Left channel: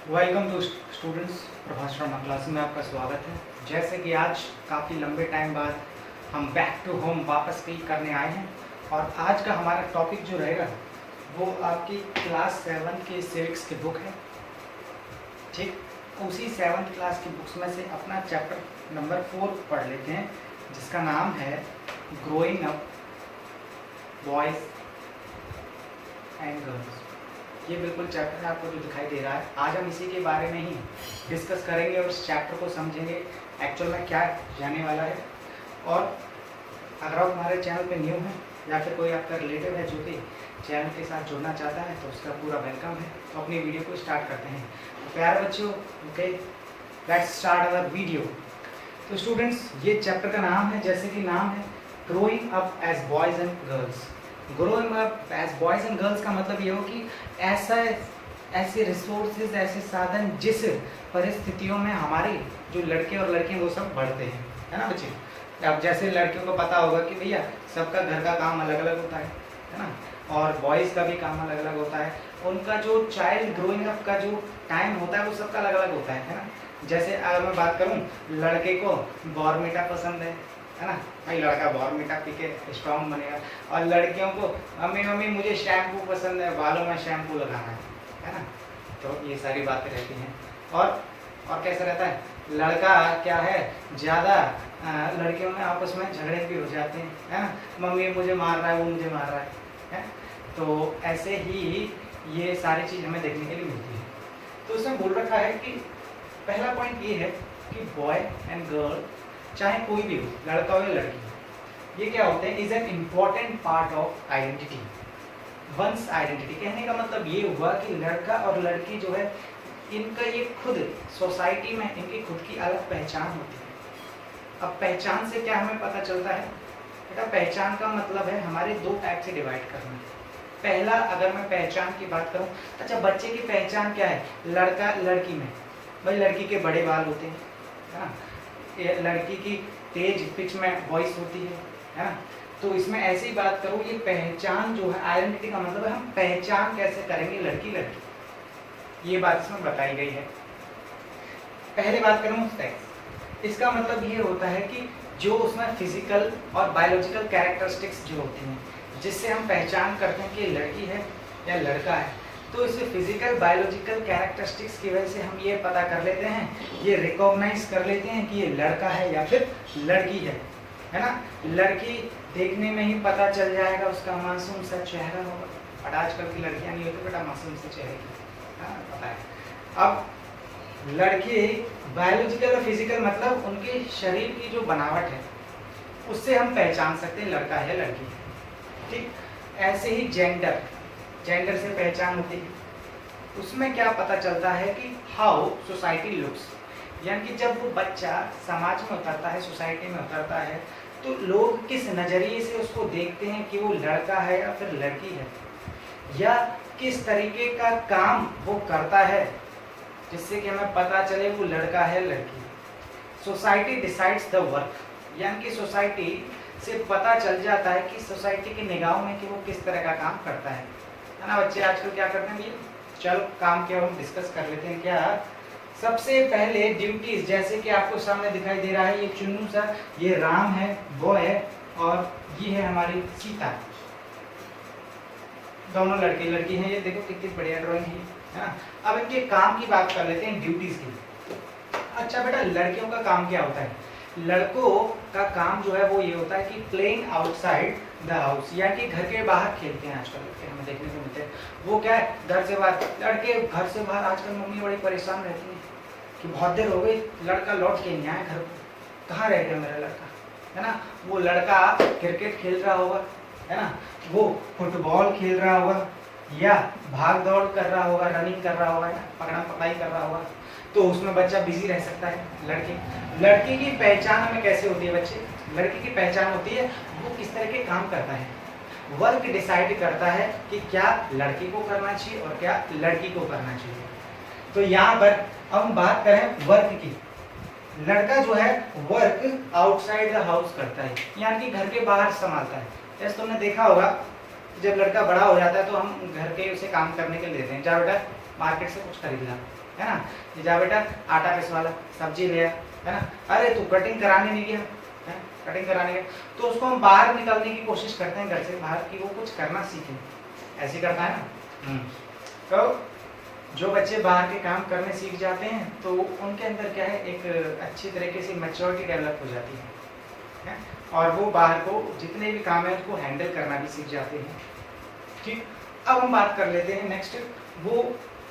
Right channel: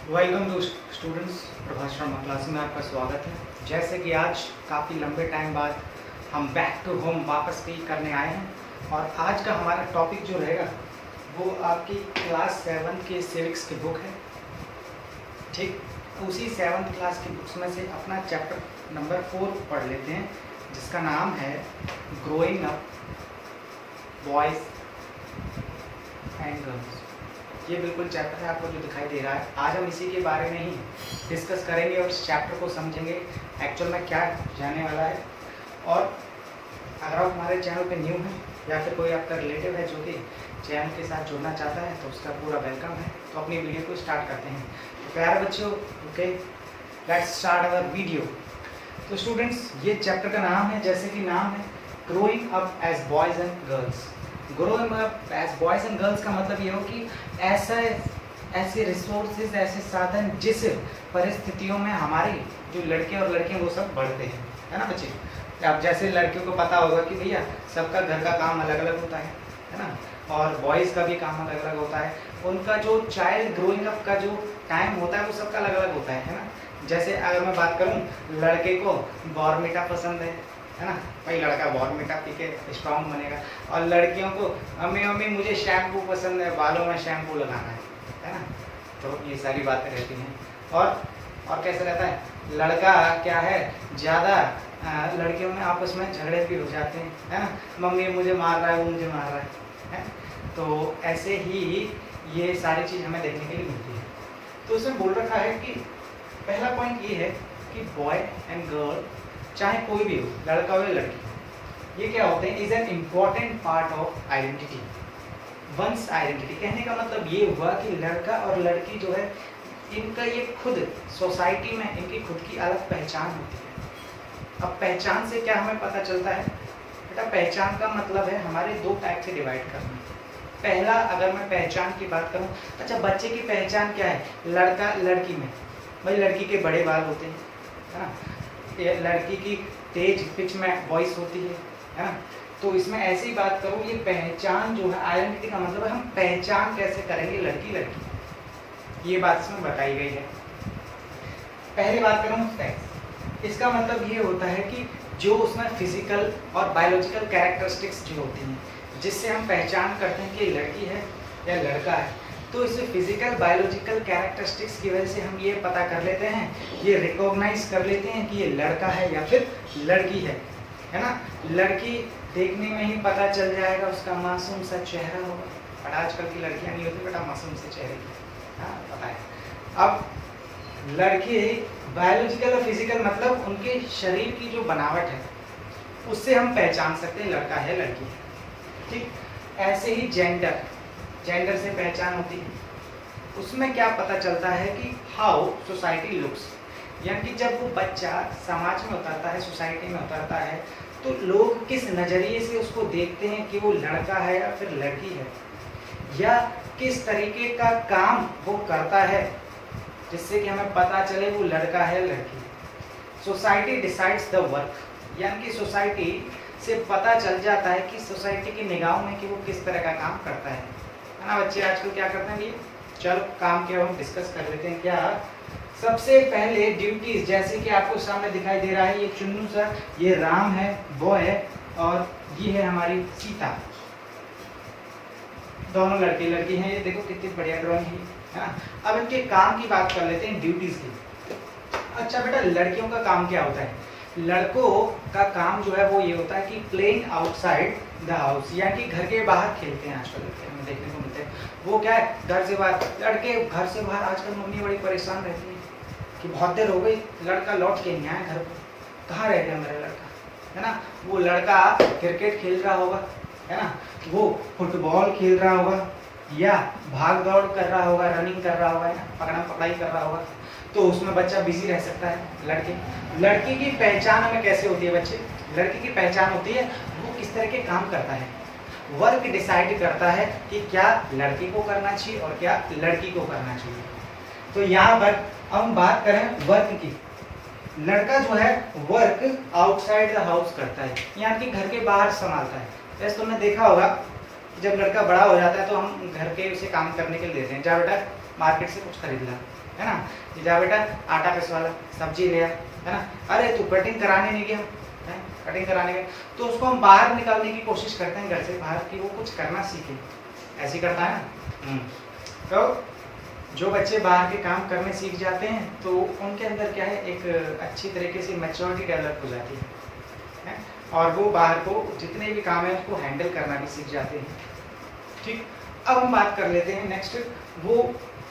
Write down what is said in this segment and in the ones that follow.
Welcome to students. Prabhas Sharma class में आपका स्वागत है। जैसे कि आज काफ़ी लंबे टाइम बाद हम बैक टू होम वापस पे करने आए हैं और आज का हमारा टॉपिक जो रहेगा वो आपकी क्लास 7 के सिविक्स की बुक है। ठीक, उसी 7th क्लास की बुक्स में से अपना चैप्टर नंबर 4 पढ़ लेते हैं, जिसका नाम है growing up boys and girls. ये बिल्कुल चैप्टर आपको जो दिखाई दे रहा है, आज हम इसी के बारे में ही डिस्कस करेंगे और इस चैप्टर को समझेंगे एक्चुअल में क्या जाने वाला है। और अगर आप हमारे चैनल पे न्यू हैं या फिर कोई आपका रिलेटिव है जो कि चैनल के साथ जुड़ना चाहता है तो उसका पूरा वेलकम है। तो अपनी वीडियो को स्टार्ट करते हैं। तो प्यारे बच्चों, okay, let's start our video. तो स्टूडेंट्स, ये चैप्टर का नाम है, जैसे कि नाम है, growing up as boys and girls. Growing up as boys and girls का मतलब ये हो कि ऐसे रिसोर्सेज, ऐसे साधन जिस परिस्थितियों में हमारे जो लड़के और लड़कियां वो सब बढ़ते हैं, है ना बच्चे। अब जैसे लड़कियों को पता होगा कि भैया सबका घर का काम अलग अलग होता है ना, और बॉयज़ का भी काम अलग अलग होता है। उनका जो चाइल्ड ग्रोइंग अप का जो टाइम होता है वो सबका अलग अलग होता है ना। जैसे अगर मैं बात करूँ, लड़के को बॉर्नविटा पसंद है ना, भाई लड़का बॉर्नविटा पी के स्ट्रॉन्ग बनेगा। और लड़कियों को मम्मी मम्मी मुझे शैम्पू पसंद है, बालों में शैम्पू लगाना है ना। तो ये सारी बातें रहती हैं। और कैसा रहता है, लड़का क्या है, ज़्यादा लड़कियों में आपस में झगड़े भी हो जाते हैं, है ना। मम्मी मुझे मार रहा है, वो मुझे मार रहा है। तो ऐसे ही ये सारी चीज़ हमें देखने के लिए मिलती है। तो उसमें बोल रखा है कि पहला पॉइंट ये है कि बॉय एंड गर्ल, चाहे कोई भी हो, लड़का हो या लड़की, ये क्या होते हैं, is an important part of identity, once identity. कहने का मतलब ये हुआ कि लड़का और लड़की जो है, इनका ये खुद सोसाइटी में इनकी खुद की अलग पहचान होती है। अब पहचान से क्या हमें पता चलता है बेटा, पहचान का मतलब है हमारे दो टाइप से डिवाइड करना। पहला, अगर मैं पहचान की बात करूं, अच्छा बच्चे की पहचान क्या है, लड़का लड़की में, भाई लड़की के बड़े बाल होते हैं, है ना, लड़की की तेज पिच में वॉइस होती है ना। तो इसमें ऐसी बात करूँ, ये पहचान जो है, आइडेंटिटी का मतलब है हम पहचान कैसे करेंगे लड़की लड़की, ये बात इसमें बताई गई है। पहली बात करूँ सेक्स, इसका मतलब ये होता है कि जो उसमें फिजिकल और बायोलॉजिकल कैरेक्टरिस्टिक्स जो होती हैं, जिससे हम पहचान करते हैं कि ये लड़की है या लड़का है। तो इसे फिजिकल बायोलॉजिकल कैरेक्टरिस्टिक्स की वजह से हम ये पता कर लेते हैं, ये रिकॉग्नाइज कर लेते हैं कि ये लड़का है या फिर लड़की है ना। लड़की देखने में ही पता चल जाएगा, उसका मासूम सा चेहरा होगा, और आजकल की लड़कियां नहीं होती बेटा मासूम से चेहरे की, हाँ पता है। अब लड़के बायोलॉजिकल और फिजिकल मतलब उनके शरीर की जो बनावट है उससे हम पहचान सकते हैं लड़का है लड़की, ठीक। ऐसे ही जेंडर से पहचान होती है, उसमें क्या पता चलता है कि हाउ सोसाइटी लुक्स, यानी कि जब वो बच्चा समाज में उतरता है, सोसाइटी में उतरता है, तो लोग किस नज़रिए से उसको देखते हैं कि वो लड़का है या फिर लड़की है, या किस तरीके का काम वो करता है जिससे कि हमें पता चले वो लड़का है लड़की। सोसाइटी डिसाइड्स द वर्क, यानी कि सोसाइटी से पता चल जाता है कि सोसाइटी की निगाहों में कि वो किस तरह का काम करता है ना। बच्चे आजकल क्या करते हैं, ये चलो काम क्या हम डिस्कस कर लेते हैं। क्या सबसे पहले ड्यूटीज, जैसे कि आपको सामने दिखाई दे रहा है, ये चुन्नू सर, ये राम है, वो है, और ये है हमारी सीता, दोनों लड़के लड़की हैं। ये देखो कितनी बढ़िया ड्राइंग है ना। अब इनके काम की बात कर लेते हैं, ड्यूटीज की। अच्छा बेटा, लड़कियों का काम क्या होता है, लड़कों का काम जो है वो ये होता है कि प्लेइंग आउटसाइड द हाउस, या कि घर के बाहर खेलते हैं। आजकल हमें देखने को मिलते हैं, वो क्या है, घर से बाहर, लड़के घर से बाहर। आजकल मम्मी बड़ी परेशान रहती है कि बहुत देर हो गई लड़का लौट के नहीं आया घर पर, कहाँ रह गया मेरा लड़का, है ना। वो लड़का क्रिकेट खेल रहा होगा, है ना, वो फुटबॉल खेल रहा होगा, या भाग दौड़ कर रहा होगा, रनिंग कर रहा होगा, पकड़ा पकड़ाई कर रहा होगा, तो उसमें बच्चा बिजी रह सकता है। लड़की की पहचान हमें कैसे होती है बच्चे, लड़की की पहचान होती है वो किस तरह के काम करता है। वर्क डिसाइड करता है कि क्या लड़की को करना चाहिए और क्या लड़की को करना चाहिए। तो यहाँ पर हम बात करें वर्क की, लड़का जो है वर्क आउटसाइड द हाउस करता है, यानी कि घर के बाहर संभालता है। जैसे तुमने देखा होगा जब लड़का बड़ा हो जाता है तो हम घर के उसे काम करने के लिए देते हैं, जा बेटा मार्केट से कुछ खरीदना, है ना, कि जा बेटा आटा पिसवा ला, सब्जी ले आ, है ना, अरे तू कटिंग कराने नहीं गया, कटिंग कराने गया, तो उसको हम बाहर निकालने की कोशिश करते हैं घर से बाहर, कि वो कुछ करना सीखे, ऐसे करता है ना। तो जो बच्चे बाहर के काम करने सीख जाते हैं तो उनके अंदर क्या है, एक अच्छी तरीके से मैच्योरिटी डेवलप हो जाती है, और वो बाहर को जितने भी काम है उसको हैंडल करना भी सीख जाते हैं। ठीक, अब हम बात कर लेते हैं नेक्स्ट, वो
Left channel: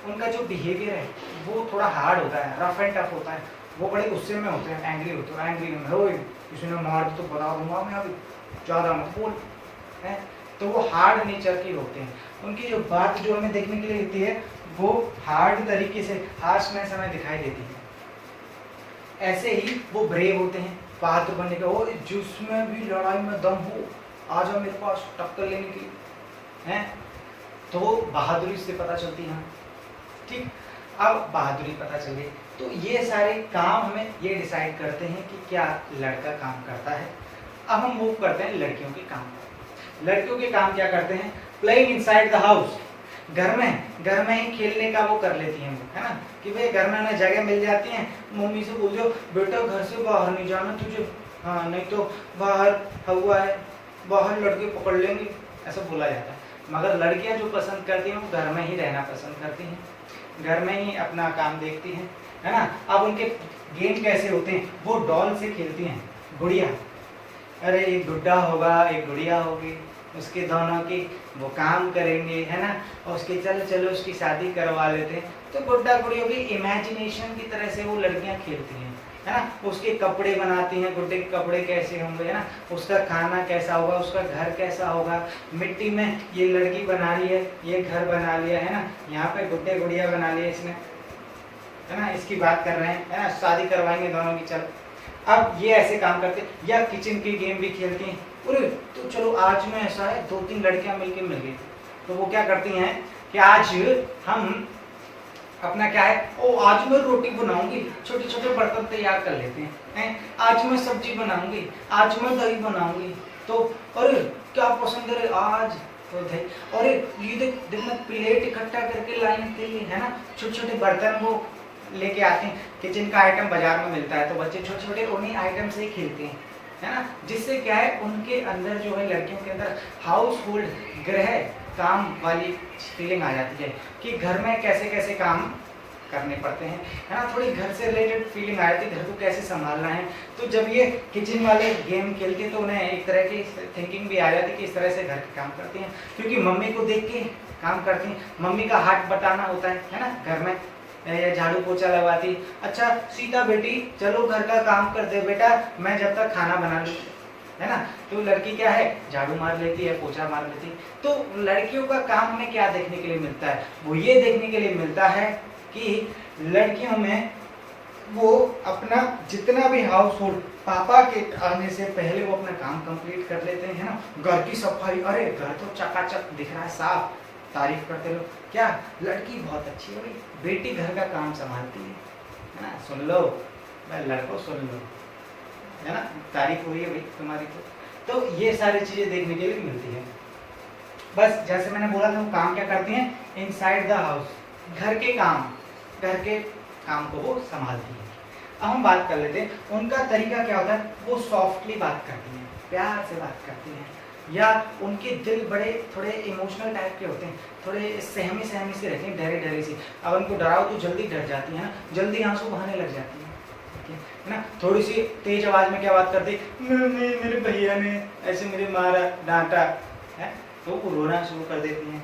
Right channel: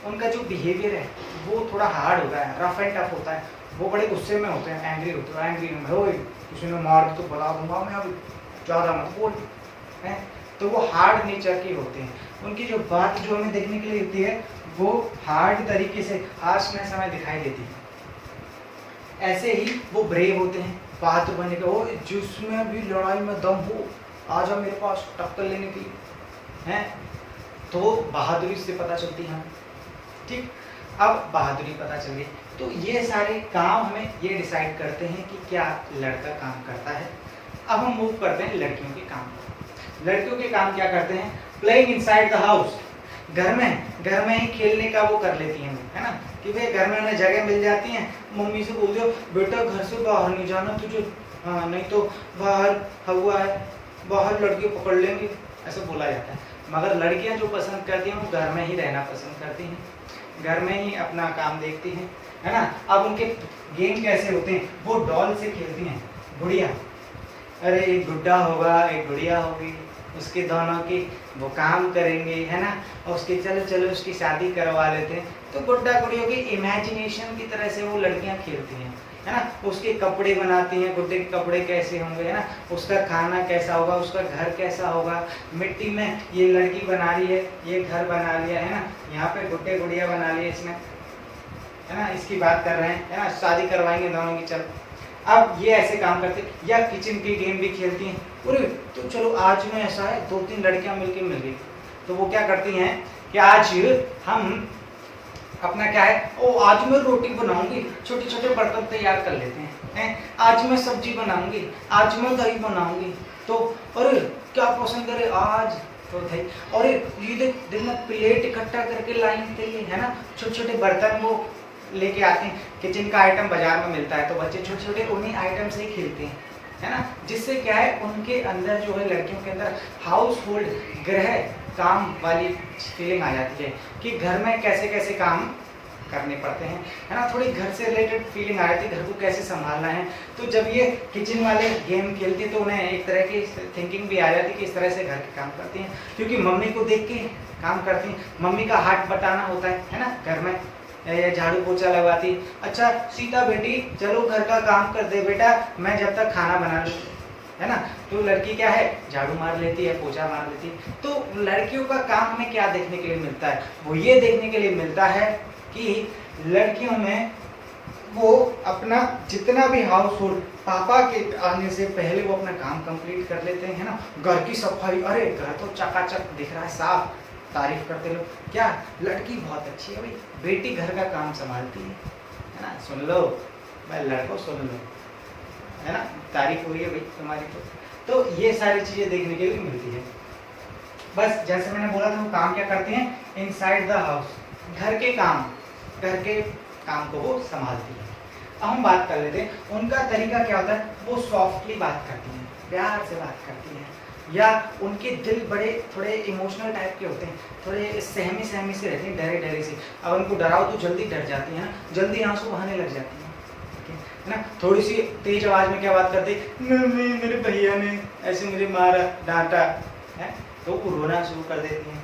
उनका जो बिहेवियर है वो थोड़ा हार्ड होता है, रफ एंड टफ होता है, वो बड़े गुस्से में होते हैं, एंग्री होते हैं, एंग्री में हो किसी ने मार तो बता दूंगा मैं, अभी ज़्यादा मत बोल, है, तो वो हार्ड नेचर के होते हैं। उनकी जो बात जो हमें देखने के लिए होती है वो हार्ड तरीके से आज में समय दिखाई देती है। ऐसे ही वो ब्रेव होते हैं, बहादुर बनने के, वो जिसमें भी लड़ाई में दम हो आ जाओ मेरे पास टक्कर लेने के लिए, हैं, तो बहादुरी से पता चलती है। ठीक, अब बहादुरी पता चल गई, तो ये सारे काम हमें ये डिसाइड करते हैं कि क्या लड़का काम करता है। अब हम मूव करते हैं लड़कियों के काम को। लड़कियों के काम क्या करते हैं, प्लेइंग इनसाइड द हाउस, घर में ही खेलने का वो कर लेती हैं, है ना, कि भाई घर में उन्हें जगह मिल जाती है, मम्मी से बोल दो बेटा घर से बाहर नहीं जाना तुझे, नहीं तो बाहर हवा है, बाहर लड़के पकड़ लेंगे, ऐसा बोला जाता है। मगर लड़कियां जो पसंद करती हैं वो घर में ही रहना पसंद करती हैं, घर में ही अपना काम देखती हैं, है ना। अब उनके गेम कैसे होते हैं, वो डॉल से खेलती हैं, गुड़िया, अरे एक गुड्डा होगा एक गुड़िया होगी, उसके दोनों की वो काम करेंगे, है ना, और उसके चलो चलो उसकी शादी करवा लेते हैं। तो गुड्डा गुड़ियों की इमेजिनेशन की तरह से वो लड़कियां खेलती हैं, है ना, उसके कपड़े बनाती हैं, गुड्डे के कपड़े कैसे होंगे, है ना, उसका खाना कैसा होगा, उसका घर कैसा होगा, मिट्टी में ये लड़की बना रही है, ये घर बना लिया, है ना, यहाँ पे गुड्डे गुड़िया बना लिए इसने, है ना, इसकी बात कर रहे हैं, है ना, शादी करवाएंगे दोनों की, चल। अब ये ऐसे काम करते, या किचन की गेम भी खेलती हैं, अरे तो चलो आज में ऐसा है 2-3 लड़कियां मिलके मिल गई, तो वो क्या करती हैं कि आज हम अपना क्या है, ओ आज मैं रोटी बनाऊंगी, छोटे छोटे बर्तन तैयार कर लेते हैं, आज मैं सब्जी बनाऊंगी, आज मैं दही बनाऊंगी, तो अरे क्या पसंद करे आज, तो दही, अरे ये देख मैं प्लेट इकट्ठा करके लाइन के लिए, है ना, छोटे छोटे बर्तन वो लेके आते हैं, किचन का आइटम बाजार में मिलता है, तो बच्चे छोटे छोटे उन्हीं आइटम से ही खेलते हैं, है ना, जिससे क्या है उनके अंदर जो है लड़कियों के अंदर हाउस होल्ड गृह काम वाली फीलिंग आ जाती है कि घर में कैसे कैसे काम करने पड़ते हैं, है ना, थोड़ी घर से रिलेटेड फीलिंग आ जाती है, घर को कैसे संभालना है। तो जब ये किचन वाले गेम खेलती तो उन्हें एक तरह की थिंकिंग भी आ जाती कि इस तरह से घर के काम करती हैं, क्योंकि मम्मी को देख के काम करती हैं, मम्मी का हाथ बटाना होता है ना, घर में या झाड़ू पोछा लगाती, अच्छा सीता बेटी चलो घर का काम कर दे बेटा, मैं जब तक खाना बना लूँ, है ना, तो लड़की क्या है झाड़ू मार लेती है, पोछा मार लेती है। तो लड़कियों का काम हमें क्या देखने के लिए मिलता है, वो ये देखने के लिए मिलता है कि लड़कियों में वो अपना जितना भी हाउस होल्ड पापा के आने से पहले वो अपना काम कंप्लीट कर लेते हैं, है ना, घर की सफाई, अरे घर तो चकाचक दिख रहा है, साफ, तारीफ करते रहो, क्या लड़की बहुत अच्छी है भाई, बेटी घर का काम संभालती है ना, सुन लो भाई लड़कों सुन लो, है ना, तारीफ हो रही है भाई तुम्हारी। तो ये सारी चीजें देखने के लिए मिलती है। बस जैसे मैंने बोला था वो काम क्या करते हैं, इनसाइड द हाउस, घर के काम को वो संभालती है। अब हम बात कर लेते हैं उनका तरीका क्या होता है, वो सॉफ्टली बात करती हैं, प्यार से बात करती हैं, या उनके दिल बड़े थोड़े इमोशनल टाइप के होते हैं, थोड़े सहमी से रहते हैं, डरे डरे से। अब उनको डराओ तो जल्दी डर जाती हैं, जल्दी आंसू बहाने लग जाती हैं, है ना, थोड़ी सी तेज आवाज में क्या बात करती, नहीं मेरे भैया ने ऐसे मुझे मारा डांटा है, तो वो रोना शुरू कर देती हैं।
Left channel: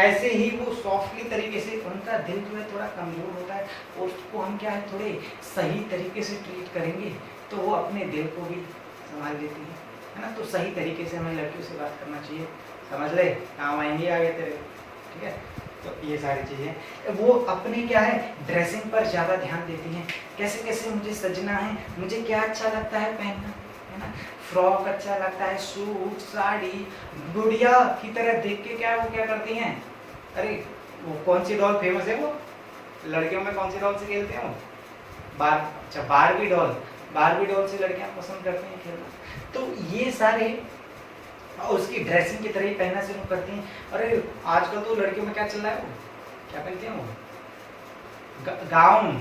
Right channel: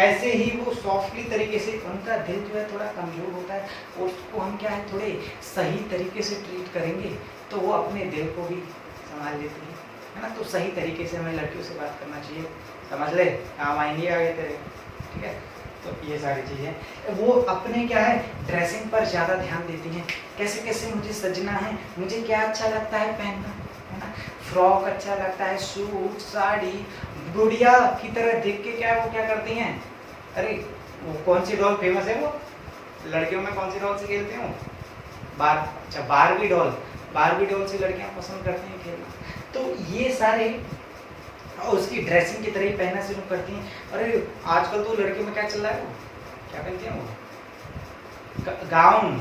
ऐसे ही वो सॉफ्टली तरीके से, उनका दिल जो है थोड़ा कमजोर होता है, उसको हम क्या है थोड़े सही तरीके से ट्रीट करेंगे तो वो अपने दिल को भी संभाल लेती है ना। तो सही तरीके से हमें लड़कियों से बात करना चाहिए, समझ ले, काम आएंगे आगे तेरे, ठीक है। तो ये सारी चीज़ें, वो अपने क्या है ड्रेसिंग पर ज़्यादा ध्यान देती हैं, कैसे कैसे मुझे सजना है, मुझे क्या अच्छा लगता है पहनना, है ना, फ्रॉक अच्छा लगता है, सूट साड़ी, गुड़िया की तरह देख के क्या वो क्या करती हैं, अरे वो कौन सी डॉल फेमस है, वो लड़कियों में कौन सी डॉल से खेलते हैं, अच्छा बारबी डॉल से लड़कियां पसंद करती हैं खेलना। तो ये सारे उसकी ड्रेसिंग की तरह ही पहनना शुरू करती हैं। अरे आजकल तो लड़कियों में क्या चल रहा है, वो क्या पहनती हैं, वो गाउन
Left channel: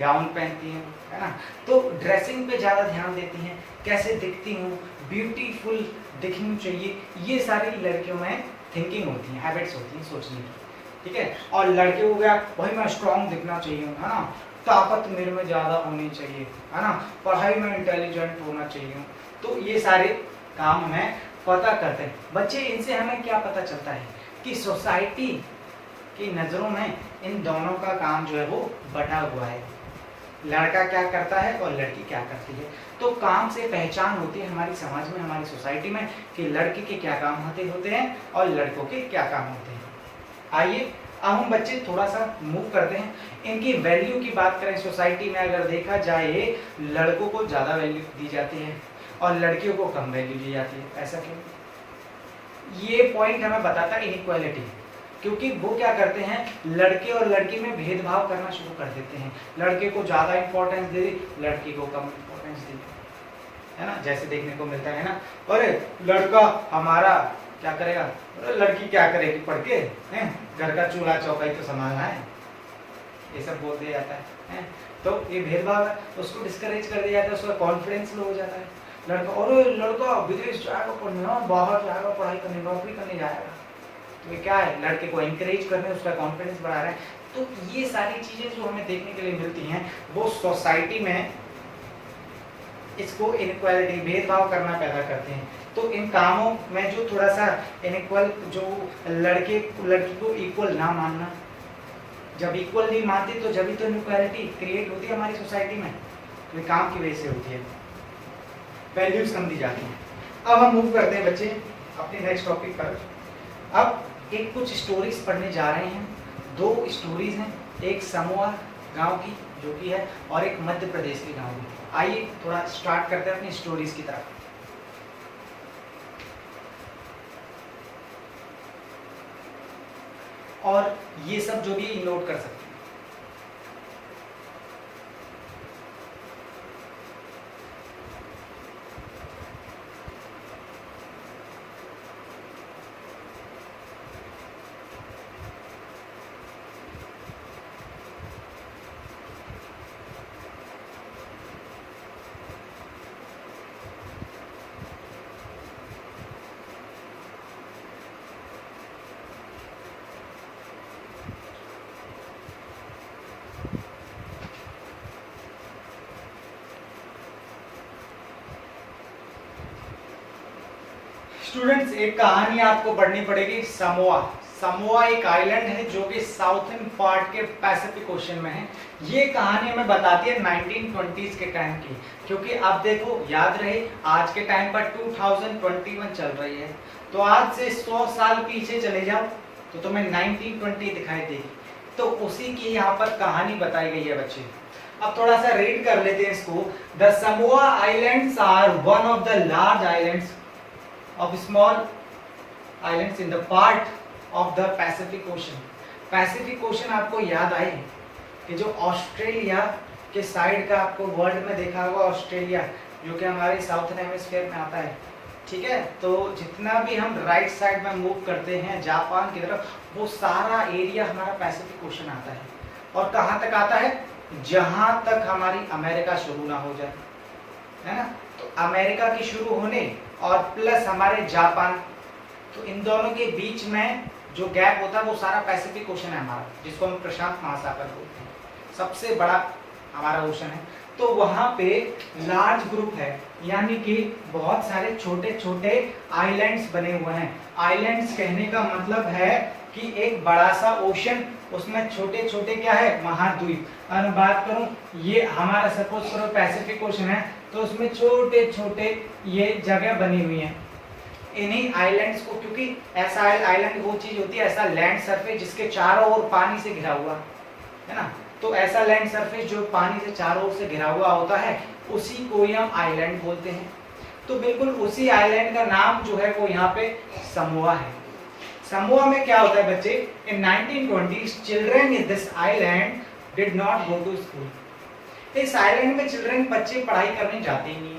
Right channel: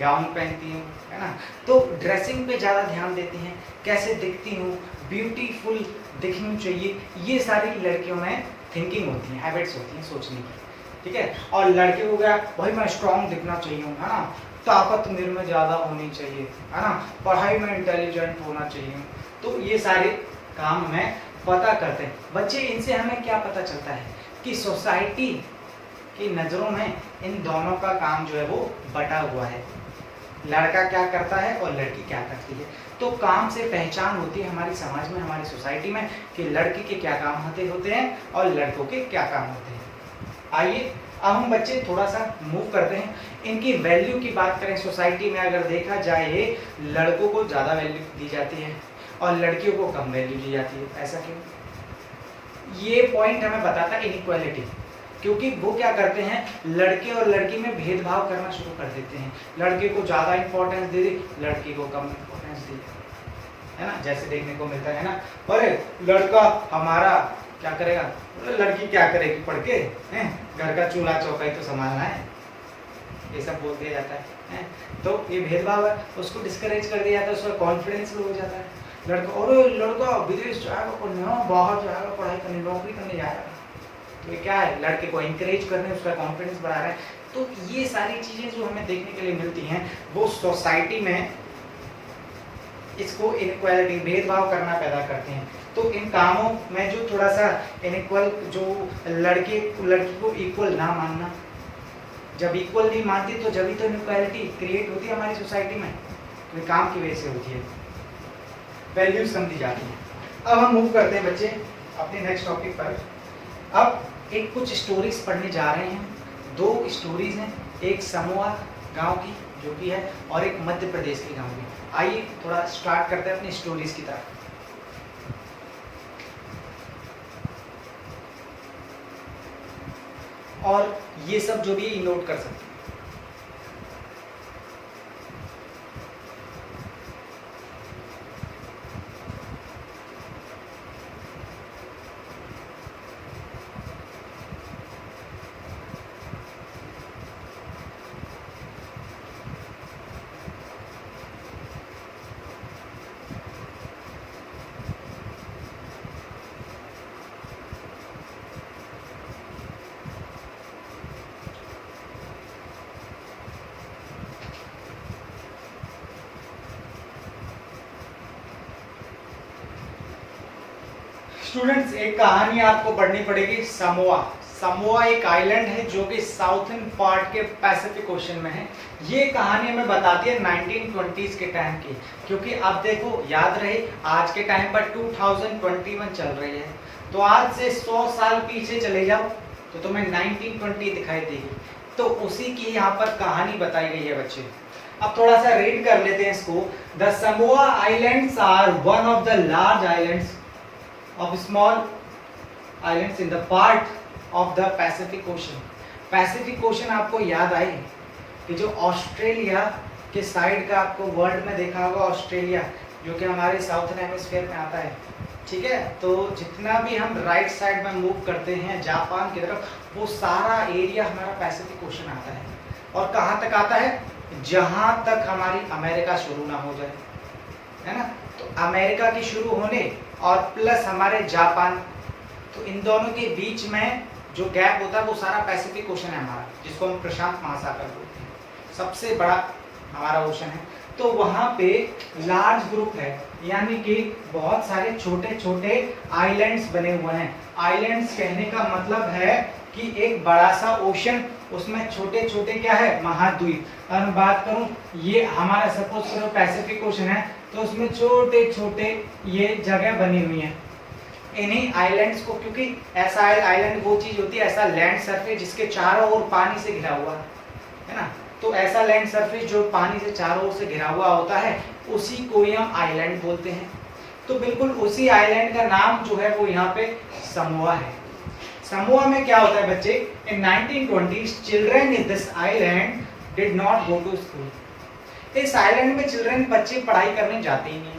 गाउन पहनती हूँ, है ना, तो ड्रेसिंग पे ज़्यादा ध्यान देती हैं, कैसे दिखती हूँ, ब्यूटीफुल दिखनी चाहिए, ये सारी लड़कियों में थिंकिंग होती है, हैबिट्स होती हैं सोचने की, ठीक है। और लड़के हो गया भाई मैं स्ट्रांग दिखना चाहिए, है ना, ताकत मेरे में ज़्यादा होनी चाहिए, है ना, पढ़ाई में इंटेलिजेंट होना चाहिए, तो ये सारे काम हमें पता करते हैं बच्चे। इनसे हमें क्या पता चलता है कि सोसाइटी की नज़रों में इन दोनों का काम जो है वो बटा हुआ है, लड़का क्या करता है और लड़की क्या करती है। तो काम से पहचान होती है हमारी समाज में, हमारी सोसाइटी में कि लड़की के क्या काम होते हैं और लड़कों के क्या काम होते हैं। आइए अब हम बच्चे थोड़ा सा मूव करते हैं, इनकी वैल्यू की बात करें। सोसाइटी में अगर देखा जाए लड़कों को ज़्यादा वैल्यू दी जाती है और लड़कियों को कम वैल्यू दी जाती है, ऐसा क्यों? ये पॉइंट हमें बताता है इनइक्वालिटी, क्योंकि वो क्या करते हैं लड़के और लड़की में भेदभाव करना शुरू कर देते हैं, लड़के को ज़्यादा इंपॉर्टेंस दे दी, लड़की को कम इंपॉर्टेंस दी, है ना, जैसे देखने को मिलता है ना। अरे लड़का हमारा क्या करेगा, लड़की क्या करेगी पढ़ के, घर का चूल्हा चौका ही तो संभालना है, ये सब बोल दिया जाता है। तो ये भेदभाव है, उसको डिस्करेज कर दिया जाता है, उसका कॉन्फिडेंस लो हो जाता है। लड़का और लड़का विदेश जाएगा पढ़ने, बाहर जाएगा पढ़ाई करने, नौकरी करने जाएगा, तो ये क्या है, लड़के को इंकरेज करने, उसका कॉन्फिडेंस बढ़ा रहा है। तो ये सारी चीजें जो हमें देखने के लिए मिलती हैं वो सोसाइटी में इसको इनइक्वालिटी, भेदभाव करना पैदा करते हैं। तो इन कामों में जो थोड़ा सा इनइक्वल, जो लड़की को इक्वल ना मानना, जब इक्वल नहीं मानती तो जब भी तो इनइक्वालिटी क्रिएट होती है हमारी सोसाइटी में, तो काम की वजह से होती है, वैल्यूज कम दी जाती है। अब हम मूव करते हैं बच्चे अपने नेक्स्ट टॉपिक पर। अब एक कुछ स्टोरीज पढ़ने जा रहे हैं, दो स्टोरीज हैं, एक समोआ गांव की जो कि है और एक मध्य प्रदेश के गांव की। आइए थोड़ा स्टार्ट करते हैं अपनी स्टोरीज की तरफ। और ये सब जो भी नोट कर सकते हैं। स्टूडेंट्स एक कहानी आपको पढ़नी पड़ेगी, समोआ। समोआ एक आइलैंड है जो कि साउथर्न पार्ट के पैसिफिक ओशन में है। ये कहानी हमें बताती है 1920s के टाइम की, क्योंकि अब देखो याद रहे आज के टाइम पर 2021 चल रही है, तो आज से 100 साल पीछे चले जाओ तो तुम्हें 1920 दिखाई देगी। तो उसी की यहाँ पर कहानी बताई गई है बच्चे। अब थोड़ा सा रीड कर लेते हैं इसको। The Samoa islands are one of the large islands of small islands in the part of the Pacific Ocean। Pacific ocean आपको याद आई कि जो ऑस्ट्रेलिया के साइड का आपको वर्ल्ड में देखा होगा, ऑस्ट्रेलिया जो कि हमारे साउथर्न हेमिस्फीयर में आता है, ठीक है। तो जितना भी हम राइट साइड में मूव करते हैं जापान की तरफ, वो सारा एरिया हमारा पैसिफिक ओशन आता है। और कहाँ तक आता है, जहां तक हमारी अमेरिका शुरू ना हो जाए, है ना। तो अमेरिका की शुरू होने और प्लस हमारे जापान, तो इन दोनों के बीच में जो गैप होता है वो सारा पैसिफिक ओशन है हमारा, जिसको हम प्रशांत महासागर बोलते हैं, सबसे बड़ा हमारा ओशन है। तो वहाँ पे लार्ज ग्रुप है, यानी कि बहुत सारे छोटे छोटे आइलैंड्स बने हुए हैं। आइलैंड्स कहने का मतलब है कि एक बड़ा सा ओशन, उसमें छोटे छोटे क्या है, महाद्वीप। अगर बात करूं ये हमारा सपोज करो पैसिफिक ओशन है, तो उसमें छोटे छोटे ये जगह बनी हुई है। इन्हीं आइलैंड्स को, क्योंकि ऐसा आइलैंड वो चीज होती है, ऐसा लैंड सरफेस जिसके चारों ओर पानी से घिरा हुआ है ना। तो ऐसा लैंड सरफेस जो पानी से चारों ओर से घिरा हुआ होता है, उसी को हम आइलैंड बोलते हैं। तो बिल्कुल उसी आइलैंड का नाम जो है वो यहाँ पे समोआ है। समोआ में क्या होता है बच्चे, in 1920s children in this island did not go to school. इस आइलैंड में चिल्ड्रन, बच्चे पढ़ाई करने जाते ही नहीं।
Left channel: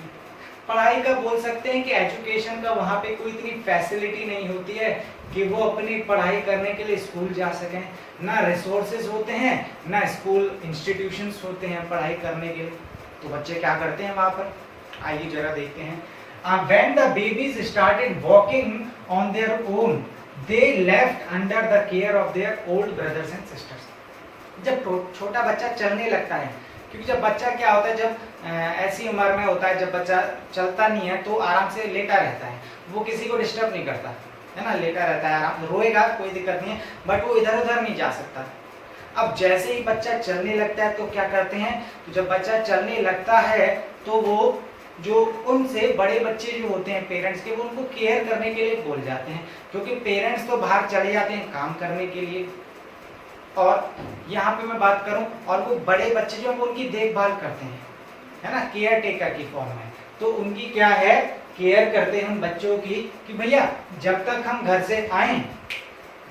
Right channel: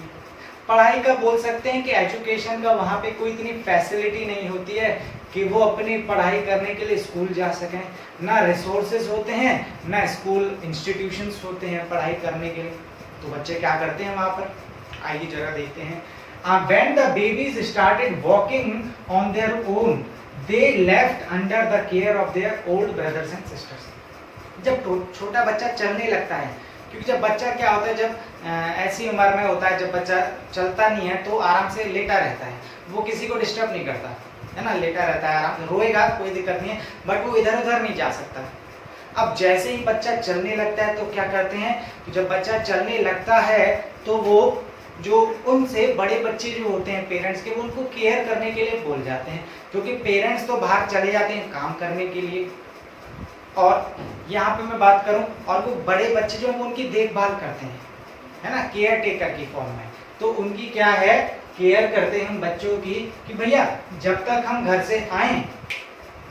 पढ़ाई का बोल सकते हैं कि एजुकेशन का वहाँ पे कोई इतनी फैसिलिटी नहीं होती है कि वो अपनी पढ़ाई करने के लिए स्कूल जा सकें, ना रिसोर्सेज होते हैं, ना स्कूल इंस्टीट्यूशंस होते हैं पढ़ाई करने के लिए। तो बच्चे क्या करते हैं वहां पर, आइए जरा देखते हैं। When the babies started walking on their own, they left under the care of their old brothers and sisters. जब छोटा बच्चा चलने लगता है, क्योंकि जब बच्चा क्या होता है, जब ऐसी उम्र में होता है, जब बच्चा चलता नहीं है तो आराम से लेटा रहता है, वो किसी को डिस्टर्ब नहीं करता है ना, लेटा रहता है आराम से, रोएगा कोई दिक्कत नहीं है, बट वो इधर उधर नहीं जा सकता। अब जैसे ही बच्चा चलने लगता है तो क्या करते हैं, तो जब बच्चा चलने लगता है तो वो जो उनसे बड़े बच्चे जो होते हैं पेरेंट्स के, वो उनको केयर करने के लिए बोल जाते हैं, क्योंकि पेरेंट्स तो बाहर चले जाते हैं काम करने के लिए, और यहाँ पे मैं बात करूं, और वो बड़े बच्चे जो उनकी देखभाल करते हैं, है ना, केयर टेकर की फॉर्म में। तो उनकी क्या है, केयर करते हैं बच्चों की, कि भैया जब तक हम घर से आए,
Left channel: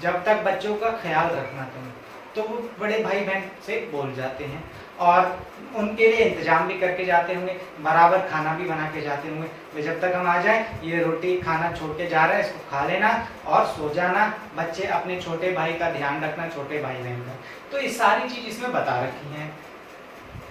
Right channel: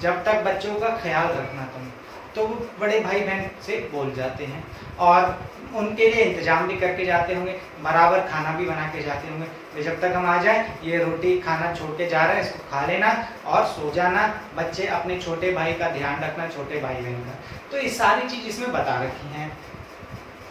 जब तक बच्चों का ख्याल रखना तुम। तो वो बड़े भाई बहन से बोल जाते हैं, और उनके लिए इंतजाम भी करके जाते होंगे, बराबर खाना भी बना के जाते होंगे, वे जब तक हम आ जाए ये रोटी खाना छोड़ के जा रहे हैं, इसको खा लेना और सो जाना, बच्चे अपने छोटे भाई का ध्यान रखना, छोटे भाई बहन का। तो ये सारी चीज इसमें बता रखी है।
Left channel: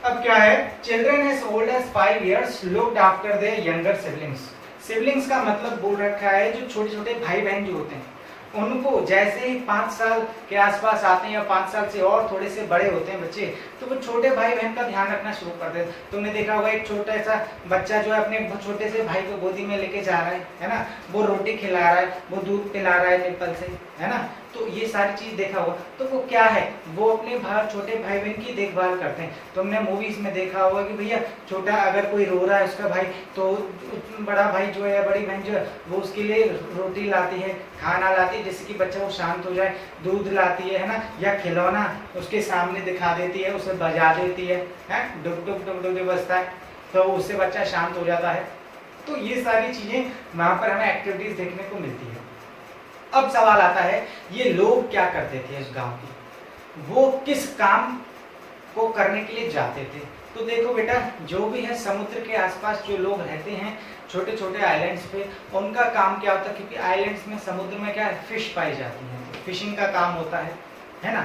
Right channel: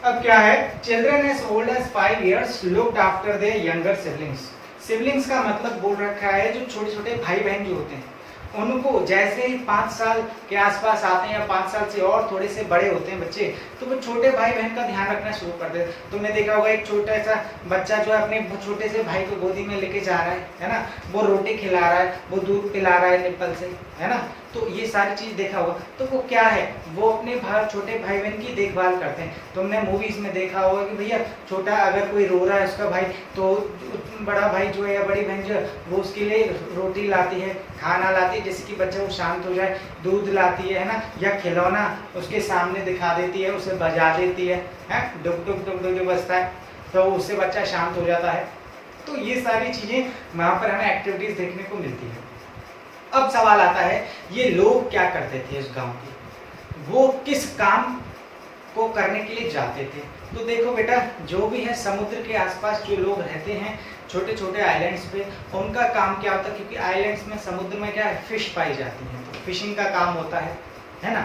अब क्या है, children as old as 5 years looked after their younger siblings. Siblings का मतलब बोल रखा है जो छोटे छोटे भाई बहन जो होते हैं, उनको जैसे ही 5 साल के आसपास आते हैं, या 5 साल से और थोड़े से बड़े होते हैं बच्चे, तो वो छोटे भाई बहन का ध्यान रखना शुरू कर देते हैं। तुमने देखा होगा एक छोटा सा बच्चा जो है अपने छोटे से भाई को गोदी में लेके जा रहा है ना, वो रोटी खिला रहा है, वो दूध पिला रहा है निप्पल से, है ना, तो ये सारी चीज देखा होगा। तो वो क्या है, वो अपने छोटे भाई बहन की देखभाल करते हैं। तुमने मूवीज में देखा होगा कि भैया छोटा अगर कोई रो रहा है उसका भाई, तो बड़ा भाई जो है या बड़ी बहन जो है वो उसके लिए रोटी लाती है, खाना लाती है, जिससे कि बच्चा वो शांत हो जाए, दूध लाती है ना, या खिलौना उसके सामने दिखा देती है, उसे बजा देती है, डुक डुक डुक डुक बजता है, तो उससे बच्चा शांत हो जाता है। तो ये सारी चीजें वहां पर हमें एक्टिविटीज देखने को मिलती है। अब सवाल आता है, ये लोग क्या करते थे इस गांव के, वो किस काम को करने के लिए जाते थे। तो देखो बेटा, जो भी है समुद्र के आसपास जो लोग रहते हैं छोटे छोटे आइलैंड्स पे, उनका काम क्या होता है, क्योंकि आइलैंड्स में समुद्र में क्या है, फिश पाई जाती है, तो फिशिंग का काम होता है ना।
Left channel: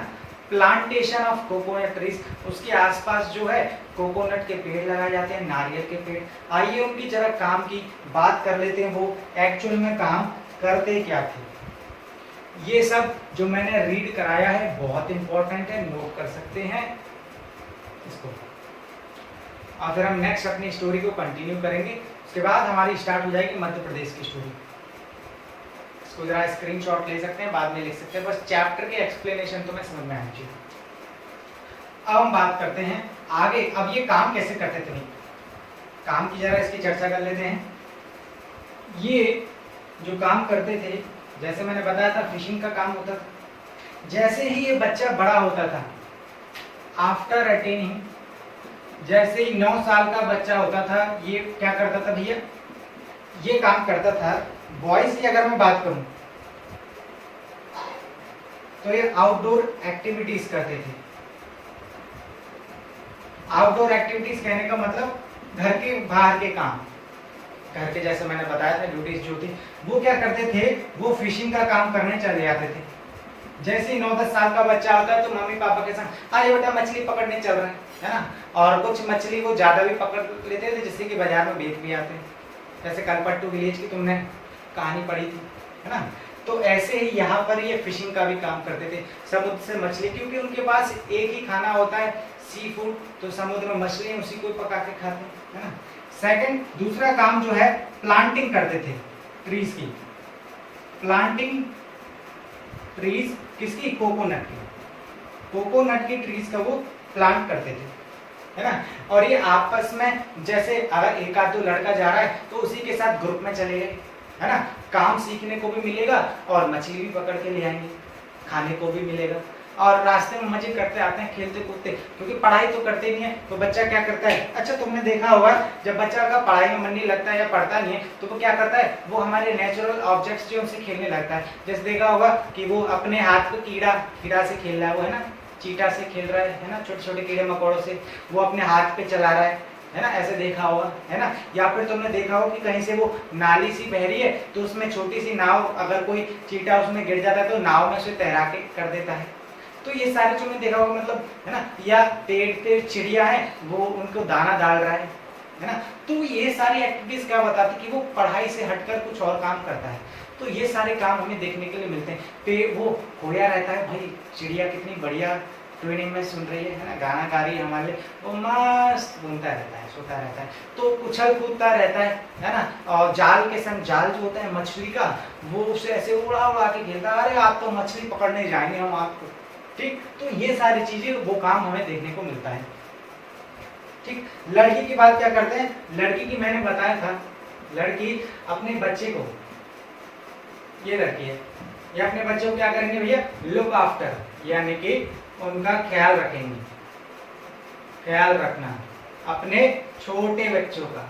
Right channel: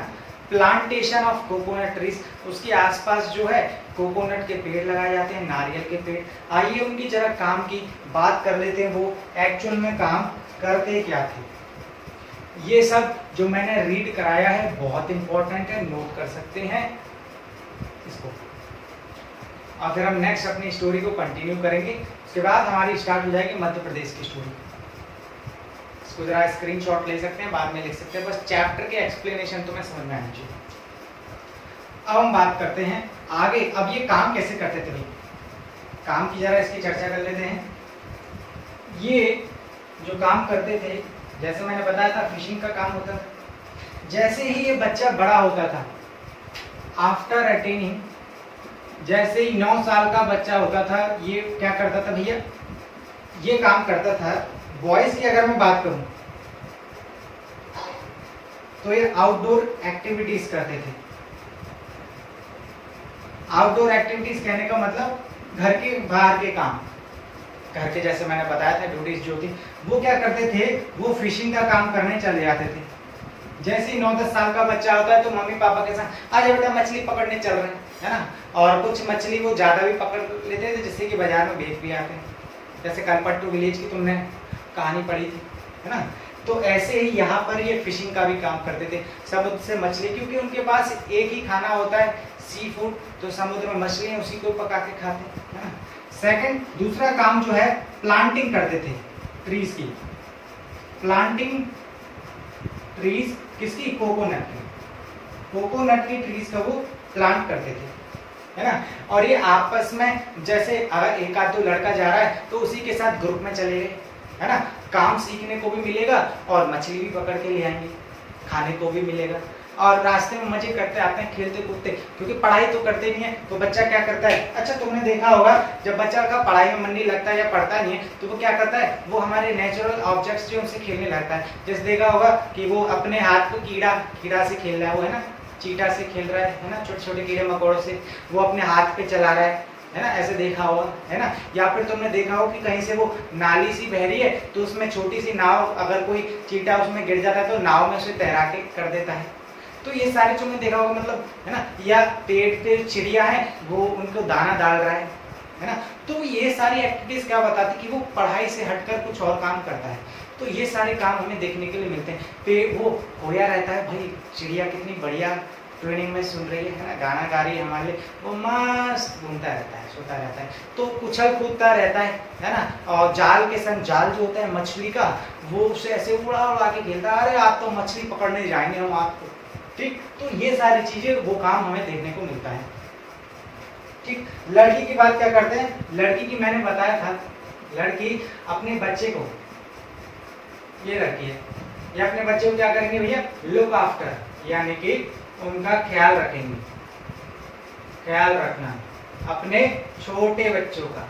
प्लांटेशन ऑफ कोकोनट ट्रीज, उसके आसपास जो है कोकोनट के पेड़ लगाए जाते हैं, नारियल के पेड़। आइए उनकी जरा काम की बात कर लेते हैं, वो एक्चुअल में काम करते क्या थे। ये सब जो मैंने रीड कराया है बहुत इंपॉर्टेंट है, नोट कर सकते हैं इसको, और फिर हम नेक्स्ट अपनी स्टोरी को कंटिन्यू करेंगे। उसके बाद हमारी स्टार्ट हो जाएगी मध्य प्रदेश की स्टोरी। इसको जरा स्क्रीनशॉट ले सकते हैं, बाद में लिख सकते हैं, बस चैप्टर के एक्सप्लेनेशन तो मैं समझ में आनी चाहिए। अब हम बात करते हैं आगे। अब ये काम कैसे करते थे, काम की जरा इसकी चर्चा कर लेते हैं। ये जो काम करते थे, जैसे मैंने बताया था फिशिंग का काम होता था। जैसे ही ये बच्चा बड़ा होता था, आफ्टर अटेनिंग, जैसे ही 9 साल का बच्चा होता था, ये क्या करता था भैया, ये काम करता था। बॉयज की अगर मैं बात करूं तो ये आउटडोर एक्टिविटीज करते थे। आउटडोर एक्टिविटीज कहने का मतलब घर के बाहर के काम, घर के जैसे मैंने बताया था ड्यूटीज जो थी, वो क्या करते थे, वो फिशिंग का काम करने चले जाते थे। जैसे ही 9-10 साल का बच्चा होता है तो मम्मी पापा के साथ अरे बेटा मछली पकड़ने चल रहे हैं, है ना, और कुछ मछली वो ज्यादा भी पकड़ लेते थे, जिससे कि बाजार में बेच भी आते हैं। जैसे कलपट्टू विलेज की तुमने कहानी पढ़ी थी, है ना। तो ऐसे ही यहाँ पर ये फिशिंग का भी काम करते थे, समुद्र से मछली, क्योंकि उनके पास एक ही खाना होता है सी फूड, तो समुद्र में मछली उसी को पका के खाते हैं, है ना। सेकंड, दूसरा काम जो है प्लांटिंग करते थे ट्रीज की। प्लांटिंग ट्रीज किसकी, कोकोनट की, कोकोनट की ट्रीज का वो प्लांट करते थे, है ना। और ये आपस में, जैसे अगर एक आध दो लड़का जा रहा है तो उसी के साथ ग्रुप में चले गए, है ना, काम सीखने को भी मिलेगा और मछली भी पकड़ के ले आएंगे, खाने को भी मिलेगा, और रास्ते में मजे करते आते हैं, खेलते कूदते, क्योंकि पढ़ाई तो करते नहीं है। तो बच्चा क्या करता है, अच्छा तुमने देखा होगा जब बच्चा का पढ़ाई में मन नहीं लगता है या पढ़ता नहीं है तो वो क्या करता है, वो हमारे नेचुरल ऑब्जेक्ट्स जो उनसे खेलने लगता है। जैसे देखा होगा कि वो अपने हाथ को कीड़ा से खेल रहा है, वो है ना, चीटा से खेल रहा है ना, छोटे छोटे कीड़े मकोड़ों से वो अपने हाथ पे चला रहा है, है ना, ऐसे देखा होगा, है ना। या फिर तुमने देखा हो कि कहीं से वो नाली सी बह रही है तो उसमें छोटी सी नाव, अगर कोई चींटा उसमें गिर जाता है तो नाव में उसे तैरा के कर देता है। तो ये सारी तुमने देखा होगा, मतलब है ना। या पेड़ पे चिड़िया है, वो उनको दाना डाल रहा है ना। तो ये सारी एक्टिविटीज क्या बताती कि वो पढ़ाई से हटकर कुछ और काम करता है। तो ये सारे काम हमें देखने के लिए मिलते हैं। पे वो खोया रहता है, भाई चिड़िया कितनी बढ़िया ट्यूनिंग में सुन रही है ना, गाना गा रही है हमारे लिए, वो मस्त घूमता रहता है, सोता रहता है, तो उछल कूदता रहता है ना। और जाल के संग, जाल जो होता है मछली का, वो उसे ऐसे उड़ा उड़ा के खेलता है, अरे आप तो मछली पकड़ने जाएंगे हम आपको, ठीक। तो ये सारी चीजें, वो काम हमें देखने को मिलता है, ठीक। लड़की की बात क्या करते हैं, लड़की की मैंने बताया था, लड़की अपने बच्चे को, ये लड़की है, ये अपने बच्चे को क्या करेंगे भैया, लुक आफ्टर, यानी कि उनका ख्याल रखेंगे, ख्याल रखना अपने छोटे बच्चों का,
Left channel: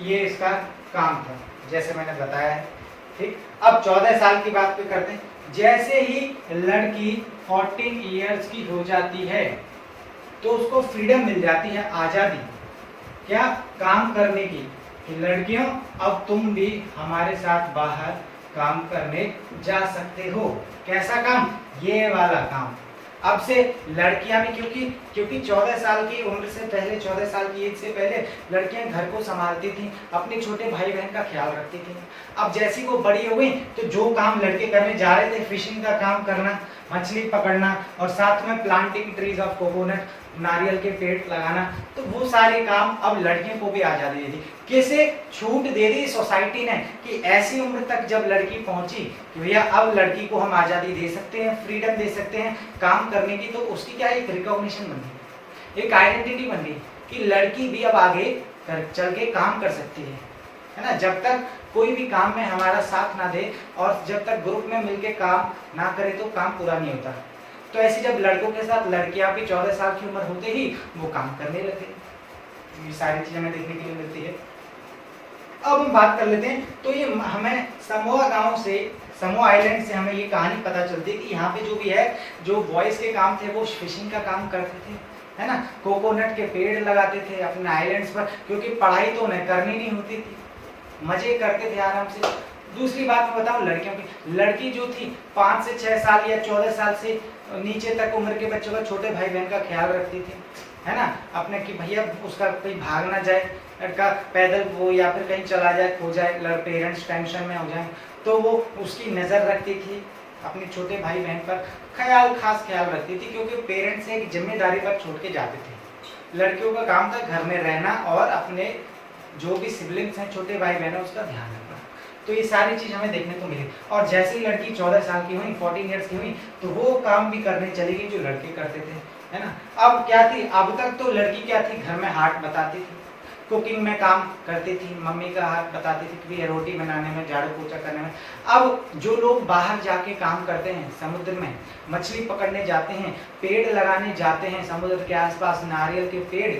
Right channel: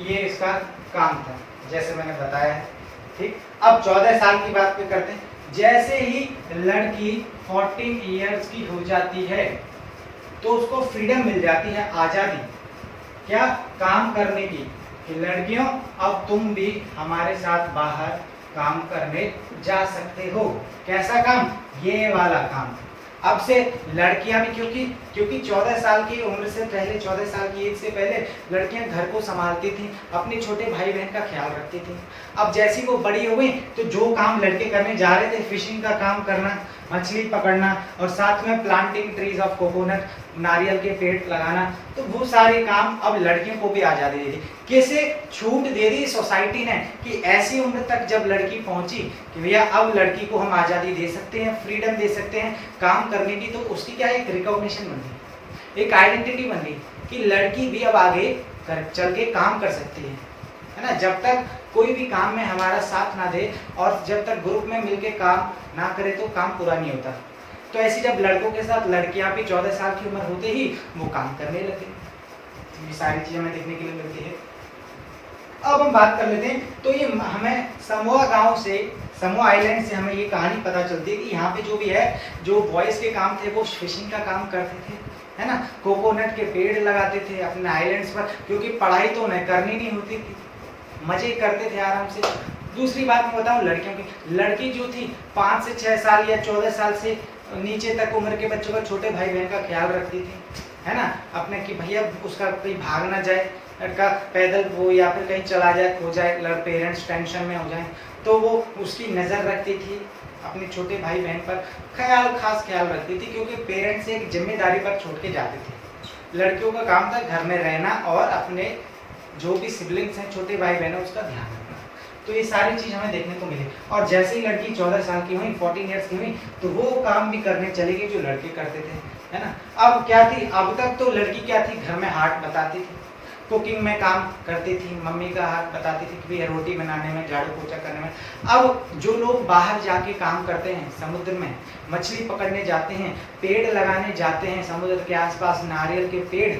ये इसका काम था, जैसे मैंने बताया है, ठीक। अब 14 साल की बात पे करते हैं। जैसे ही लड़की 14 इयर्स की हो जाती है तो उसको फ्रीडम मिल जाती है, आजादी, क्या, काम करने की, कि लड़कियों अब तुम भी हमारे साथ बाहर काम करने जा सकते हो। कैसा काम, ये वाला काम। अब से लड़कियां भी, क्योंकि 14 साल की उम्र से पहले, 14 साल की एज से पहले लड़कियां घर को संभालती थी, अपने छोटे भाई बहन का ख्याल रखती थी। अब जैसी वो बड़ी हो गई तो जो काम लड़के करने जा रहे थे, फिशिंग का काम करना, मछली पकड़ना, और साथ में प्लांटिंग ट्रीज ऑफ कोकोनट, नारियल के पेड़ लगाना, तो वो सारे काम अब लड़कियों को भी आजादी दे दी। कैसे छूट दे दी सोसाइटी ने, कि ऐसी उम्र तक जब लड़की पहुंची कि भैया अब लड़की को हम आजादी दे सकते हैं, फ्रीडम दे सकते हैं काम करने की, तो उसकी क्या एक रिकॉग्निशन बन गई, एक आइडेंटिटी बन गई कि लड़की भी अब आगे चल के काम कर सकती है ना। जब तक कोई भी काम में हमारा साथ ना दे और जब तक ग्रुप में मिलके काम ना करे तो काम पूरा नहीं होता। तो ऐसी जब लड़कों के साथ लड़कियां भी 14 साल की उम्र होते ही वो काम करने लगे। ये सारी चीजें हमें देखने के लिए मिलती है। अब हम बात कर लेते हैं, तो ये हमें समोआ गांव से, समोआ आइलैंड से हमें ये कहानी पता चलती है कि यहाँ पे जो भी है, जो बॉयज के काम थे वो फिशिंग का काम करते थे, है ना, कोकोनट के पेड़ लगाते थे अपने आइलैंड्स पर, क्योंकि पढ़ाई तो उन्हें करनी नहीं होती थी, मजे करते थे आराम से। दूसरी बात मैं बताऊं लड़कियों की, लड़की जो थी 5 से 6 साल या 14 साल से नीचे तक उम्र के बच्चों का, छोटे भाई बहन का ख्याल रखती थी, है ना, अपने कि भैया उसका कोई भाग ना जाए, लड़का पैदल वो या फिर कहीं चला जाए, खो जाए, पेरेंट्स टेंशन में हो जाए, तो वो उसकी नज़र रखती थी अपने छोटे भाई बहन पर, खास ख्याल रखती थी, क्योंकि पेरेंट्स एक जिम्मेदारी पर छोड़ के जाते थे। लड़कियों का काम था घर में रहना और अपने जो भी सिबलिंग्स हैं, छोटे भाई बहन है, उसका ध्यान रखना। तो ये सारी चीज हमें देखने को मिली। और जैसे ही लड़की 14 साल की हुई, 14 ईयर्स की हुई, तो वो काम भी करने चली गई जो लड़के करते थे, है ना। अब क्या थी, अब तक तो लड़की क्या थी, घर में हाथ बताती थी, कुकिंग में काम करती थी, मम्मी का हाथ बताती थी कि रोटी बनाने में, झाड़ू पोछा करने में। अब जो लोग बाहर जाके काम करते हैं, समुद्र में मछली पकड़ने जाते हैं, पेड़ लगाने जाते हैं समुद्र के आसपास, नारियल के पेड़,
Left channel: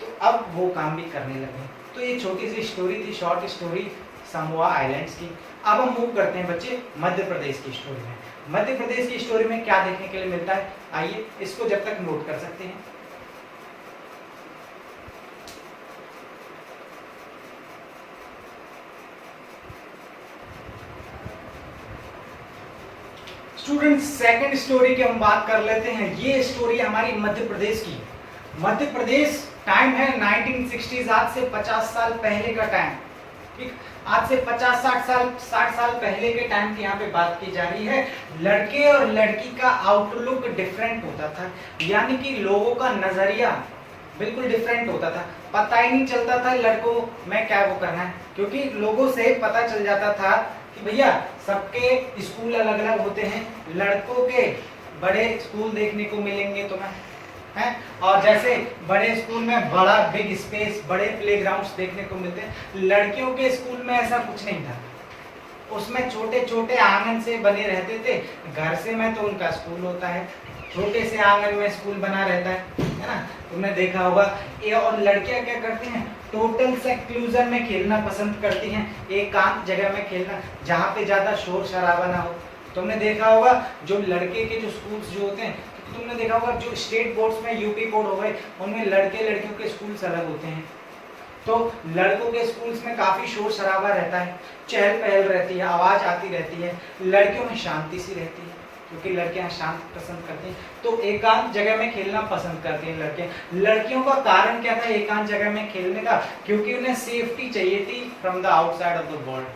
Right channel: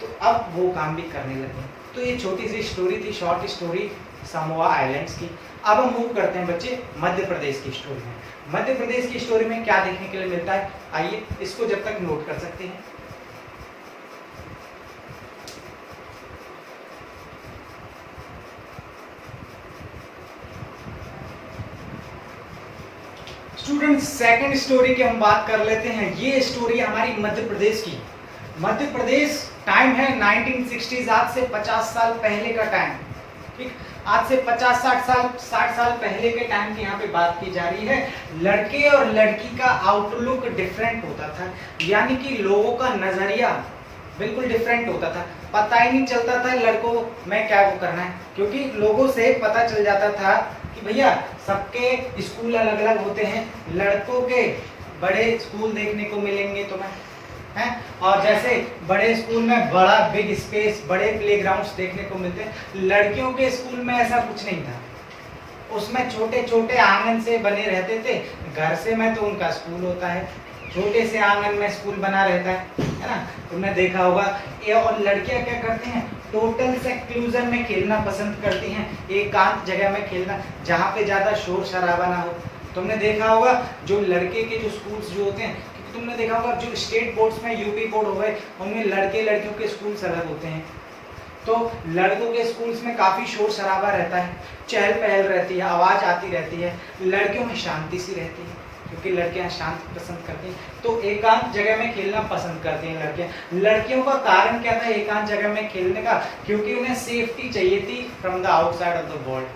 तो अब वो काम भी करने लगे। तो ये छोटी सी स्टोरी थी, शॉर्ट स्टोरी समोआ आइलैंड्स की। अब हम मूव करते हैं बच्चे मध्य प्रदेश की स्टोरी में। मध्य प्रदेश की स्टोरी में क्या देखने के लिए मिलता है, आइए इसको जब तक नोट कर सकते हैं। स्टूडेंट्स, सेकंड स्टोरी की हम बात कर लेते हैं। ये स्टोरी हमारी मध्य प्रदेश की। मध्य प्रदेश, टाइम है 1960s, आज से 50 साल पहले का टाइम, ठीक। आज से 50-60 साल पहले के टाइम की यहाँ पे बात की जा रही है। लड़के और लड़की का आउटलुक डिफरेंट होता था, यानी कि लोगों का नजरिया बिल्कुल डिफरेंट होता था। पता ही नहीं चलता था लड़कों में क्या वो करना है, क्योंकि लोगों से पता चल जाता था कि भैया सबके स्कूल अलग अलग होते हैं, लड़कों के बड़े स्कूल देखने को मिलेंगे तुम्हें, है, और जैसे बड़े स्कूल में बड़ा बिग स्पेस, बड़े प्लेग्राउंड्स देखने को मिलते हैं, लड़कियों के स्कूल में ऐसा कुछ नहीं था। उसमें छोटे छोटे आंगन से बने रहते थे, घर से में तो उनका स्कूल होता है, छोटे से आंगन में स्कूल बना रहता है ना, तुमने देखा होगा। ये और लड़कियां क्या करती हैं, टोटल सेक्लूजन में खेलना पसंद करती हैं, एकांत जगह में खेलना जहाँ पे ज्यादा शोर शराबा ना हो। तुमने देखा होगा जो लड़के के जो स्कूल्स जो होते हैं, तुमने देखा होगा जो स्टेट बोर्ड्स में, यूपी बोर्ड हो गए, उनमें लड़के लड़कियों के स्कूल्स अलग होते हैं। तो लड़कों के स्कूल्स में काफी शोर शराबा रहता है, चहल पहल रहती है, आवाज आती रहती है। लड़कियों में शांति सी रहती है, क्योंकि लड़कियां शांत पसंद करती हैं, तो एकांत जगह में खेलना पसंद करती हैं लड़कियां। लड़कियों का कारण क्या था एकांत जगह में खेलने का? क्योंकि उन्हें सेफ्टी चाहिए थी from the outside of the world,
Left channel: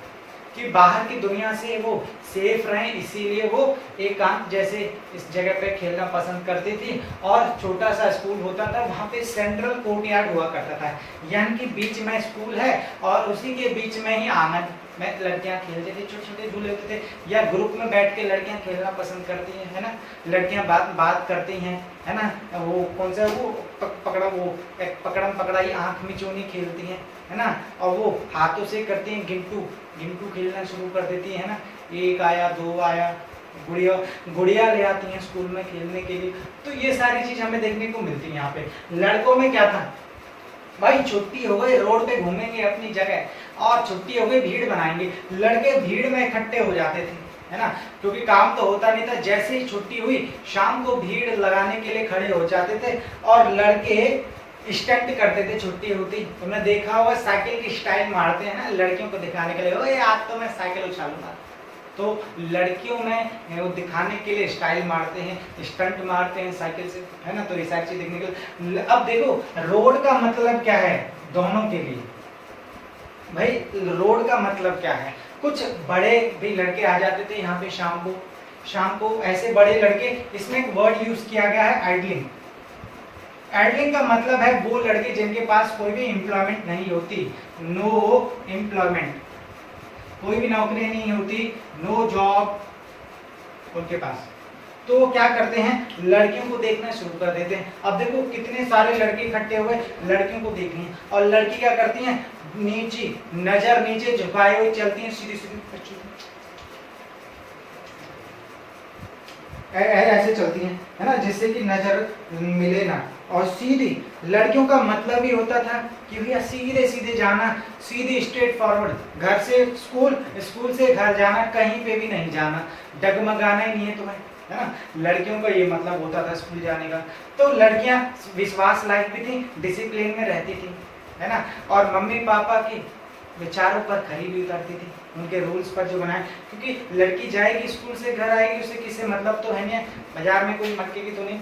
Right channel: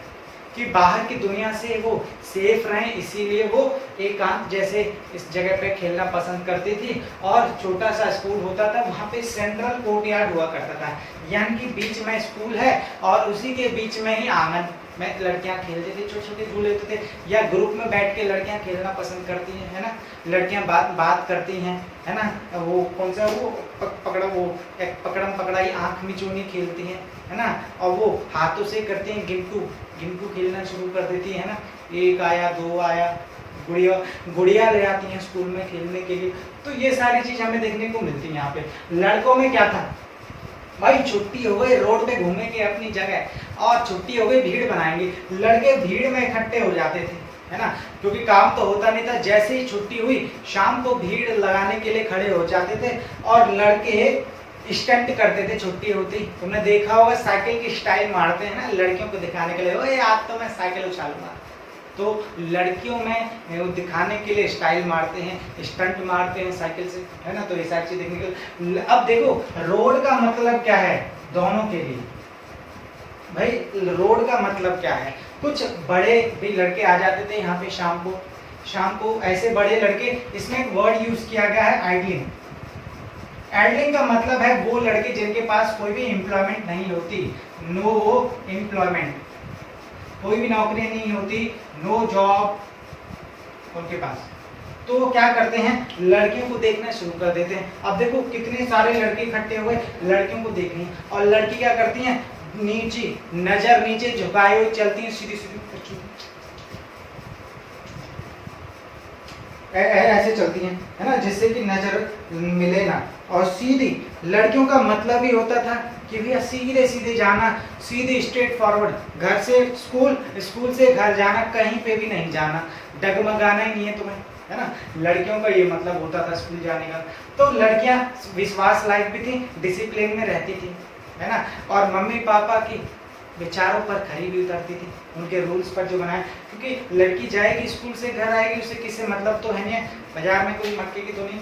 कि बाहर की दुनिया से वो सेफ रहें, इसीलिए वो एकांत जैसे इस जगह पे खेलना पसंद करती थी। और छोटा सा स्कूल होता था, वहाँ पे सेंट्रल कोर्टयार्ड हुआ करता था, यानी कि बीच में स्कूल है और उसी के बीच में ही आंगन में लड़कियां खेलते थे, छोटे छोटे झूले लेते थे, या ग्रुप में बैठ के लड़कियां खेलना पसंद करती हैं, है ना। लड़कियां बात करती हैं, है ना। वो कौन सा वो पकड़ा, वो एक पकड़म पकड़ाई, आंख मिचोनी खेलती हैं, है ना। और वो हाथों से करती हैं गिंटू खेलना शुरू कर देती है ना। 1 आया 2 आया, गुड़िया ले आती हैं स्कूल में खेलने के लिए। तो ये सारी चीज हमें देखने को मिलती है यहाँ पे। लड़कों में क्या था भाई, छुट्टी हो गई, रोड पे घूमेंगे अपनी जगह, और छुट्टी हो गई भीड़ बनाएंगे। लड़के भीड़ में इकट्ठे हो जाते थे, है ना, क्योंकि काम तो होता नहीं था। जैसे ही छुट्टी हुई शाम को भीड़ लगाने के लिए खड़े हो जाते थे, और लड़के स्टंट करते थे छुट्टी होती। तुमने देखा होगा साइकिल की स्टाइल मारते हैं ना लड़कियों को दिखाने के लिए, ओए आज तो मैं साइकिल उछालूंगा। तो लड़कियों में वो दिखाने के लिए स्टाइल मारते हैं, स्टंट मारते हैं साइकिल से, है ना। तो ये सारी चीज देखने के लिए। अब देखो रोड का मतलब क्या है दोनों के लिए भाई, रोड का मतलब क्या है। कुछ बड़े भी लड़के आ जाते थे यहाँ पे शाम को ऐसे बड़े लड़के। इसमें एक वर्ड यूज किया गया है आइडलिंग। आइडलिंग का मतलब है वो लड़के जिनके पास कोई भी एम्प्लॉयमेंट नहीं होती, नो एम्प्लॉयमेंट, कोई भी नौकरी नहीं होती, नो जॉब उनके पास। तो वो क्या करते हैं, लड़कियों को देखना शुरू कर देते हैं। अब देखो कितने सारे लड़के इकट्ठे हुए लड़कियों को देखने, और लड़की क्या करती हैं, नजर नीचे झुकाए हुए चलती हैं, सीधी ऐसे चलती हैं, है ना, जिससे कि नजर मिले ना। और सीधी, लड़कियों का मतलब ही होता था कि भैया सीधे सीधे जाना, सीधे स्ट्रेट फॉरवर्ड, घर से स्कूल, स्कूल से घर जाना, कहीं पे भी नहीं जाना, डगमगाना ही नहीं है तुम्हें, है ना। लड़कियों का ये मतलब होता था स्कूल जाने का। तो लड़कियां विश्वास लायक भी थी, डिसिप्लिन में रहती थी, है ना। और मम्मी पापा की विचारों पर खरी भी उतरती थी, उनके रूल्स पर जो बनाए। क्योंकि लड़की जाएगी स्कूल से घर आएगी, उसे किससे मतलब तो है नहीं है, बाजार में कोई मटके की तो नहीं,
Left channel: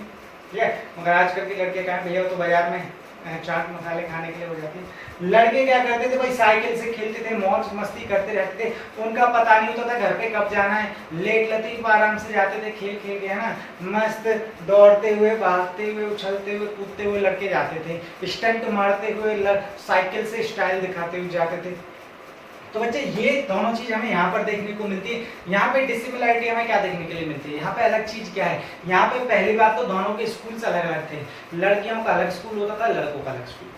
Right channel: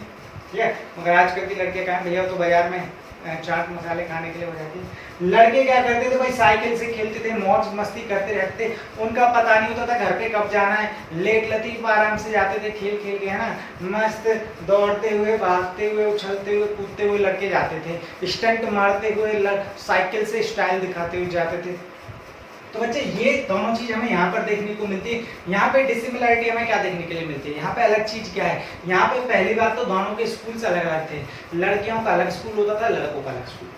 ठीक है। मगर आजकल की लड़कियां कहाँ भैया तो बाजार में चाट मसाले खाने के लिए हो जाती है। लड़के क्या करते थे भाई, साइकिल से खेलते थे, मौज मस्ती करते रहते थे, उनका पता नहीं होता था घर पे कब जाना है। लेट लतीफ आराम से जाते थे खेल खेल के, है ना, मस्त दौड़ते हुए, भागते हुए, उछलते हुए, कूदते हुए लड़के जाते थे, स्टंट मारते हुए, साइकिल से स्टाइल दिखाते हुए जाते थे। तो बच्चे ये दोनों चीज हमें यहाँ पर देखने को मिलती है। यहाँ पे डिसिमिलरिटी हमें क्या देखने के लिए मिलती है, यहाँ पे अलग चीज क्या है। यहाँ पे पहली बात तो दोनों के स्कूल अलग अलग थे, लड़कियों का अलग स्कूल होता था, लड़कों का अलग स्कूल।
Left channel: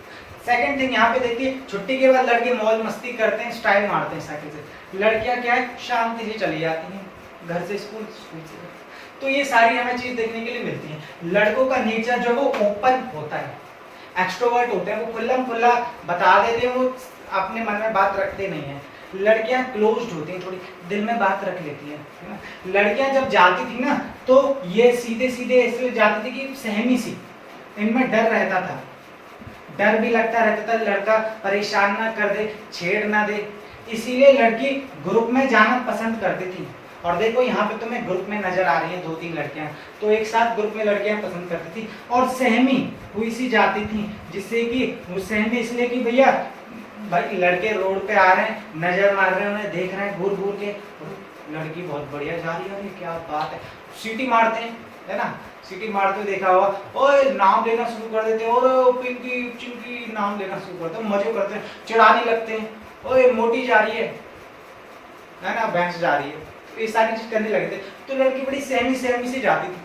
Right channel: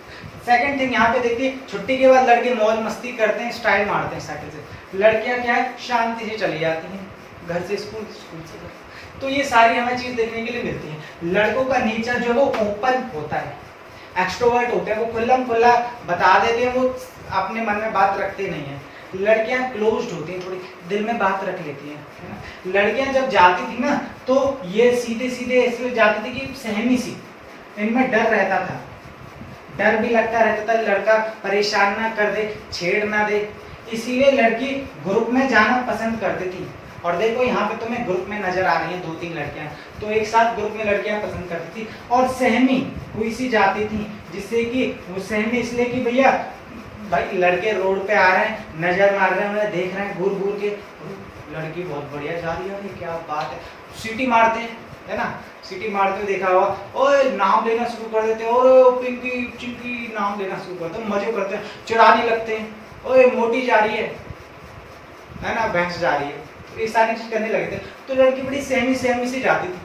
सेकंड थिंग, यहाँ पे देखिए छुट्टी के बाद लड़के मौज मस्ती करते हैं, स्टाइल मारते हैं साइकिल से, लड़कियां क्या है शांति से चली जाती हैं, घर से स्कूल, स्कूल से घर। तो ये सारी हमें चीज देखने के लिए मिलती है। लड़कों का नेचर जो वो ओपन होता है, एक्सट्रोवर्ट होते हैं, वो खुल्लम खुल्ला बता देते हैं, वो अपने मन में बात रखते नहीं है। लड़कियां क्लोज्ड होती हैं, थोड़ी दिल में बात रख लेती हैं, है ना। लड़कियां जब जाती थी ना तो ये सीधे सीधे इसलिए जाती थी कि सहमी सी, इनमें डर रहता था, डर भी लगता रहता था लड़का परेशान ना कर दे, छेड़ ना दे, इसीलिए लड़की ग्रुप में जाना पसंद करती थी। और देखो यहाँ पे तुम्हें ग्रुप में नजर आ रही है 2-3 लड़कियां, तो एक साथ ग्रुप में लड़कियां पसंद करती थी। और सहमी हुई सी जाती थी, जिससे कि वो सहमी इसलिए कि भैया भाई लड़के रोड पे आ रहे हैं, नजर मार रहे हैं, देख रहे हैं घूर घूर के, लड़की बहुत बढ़िया जा रही है, क्या बात है, सीटी मारते हैं, है ना, सीटी मारते हुए देखा हुआ, ओए नाम लेना शुरू कर देते हैं, और पिंकी चिंकी नाम लेना शुरू करते हैं, मजे करते हैं, चिढ़ाने लगते हैं, ओए मोटी जा रही है ना, भैंस जा रही है, ये सारी चीज करने लगे थे। तो लड़की बड़ी सहमी सहमी से जाती थी।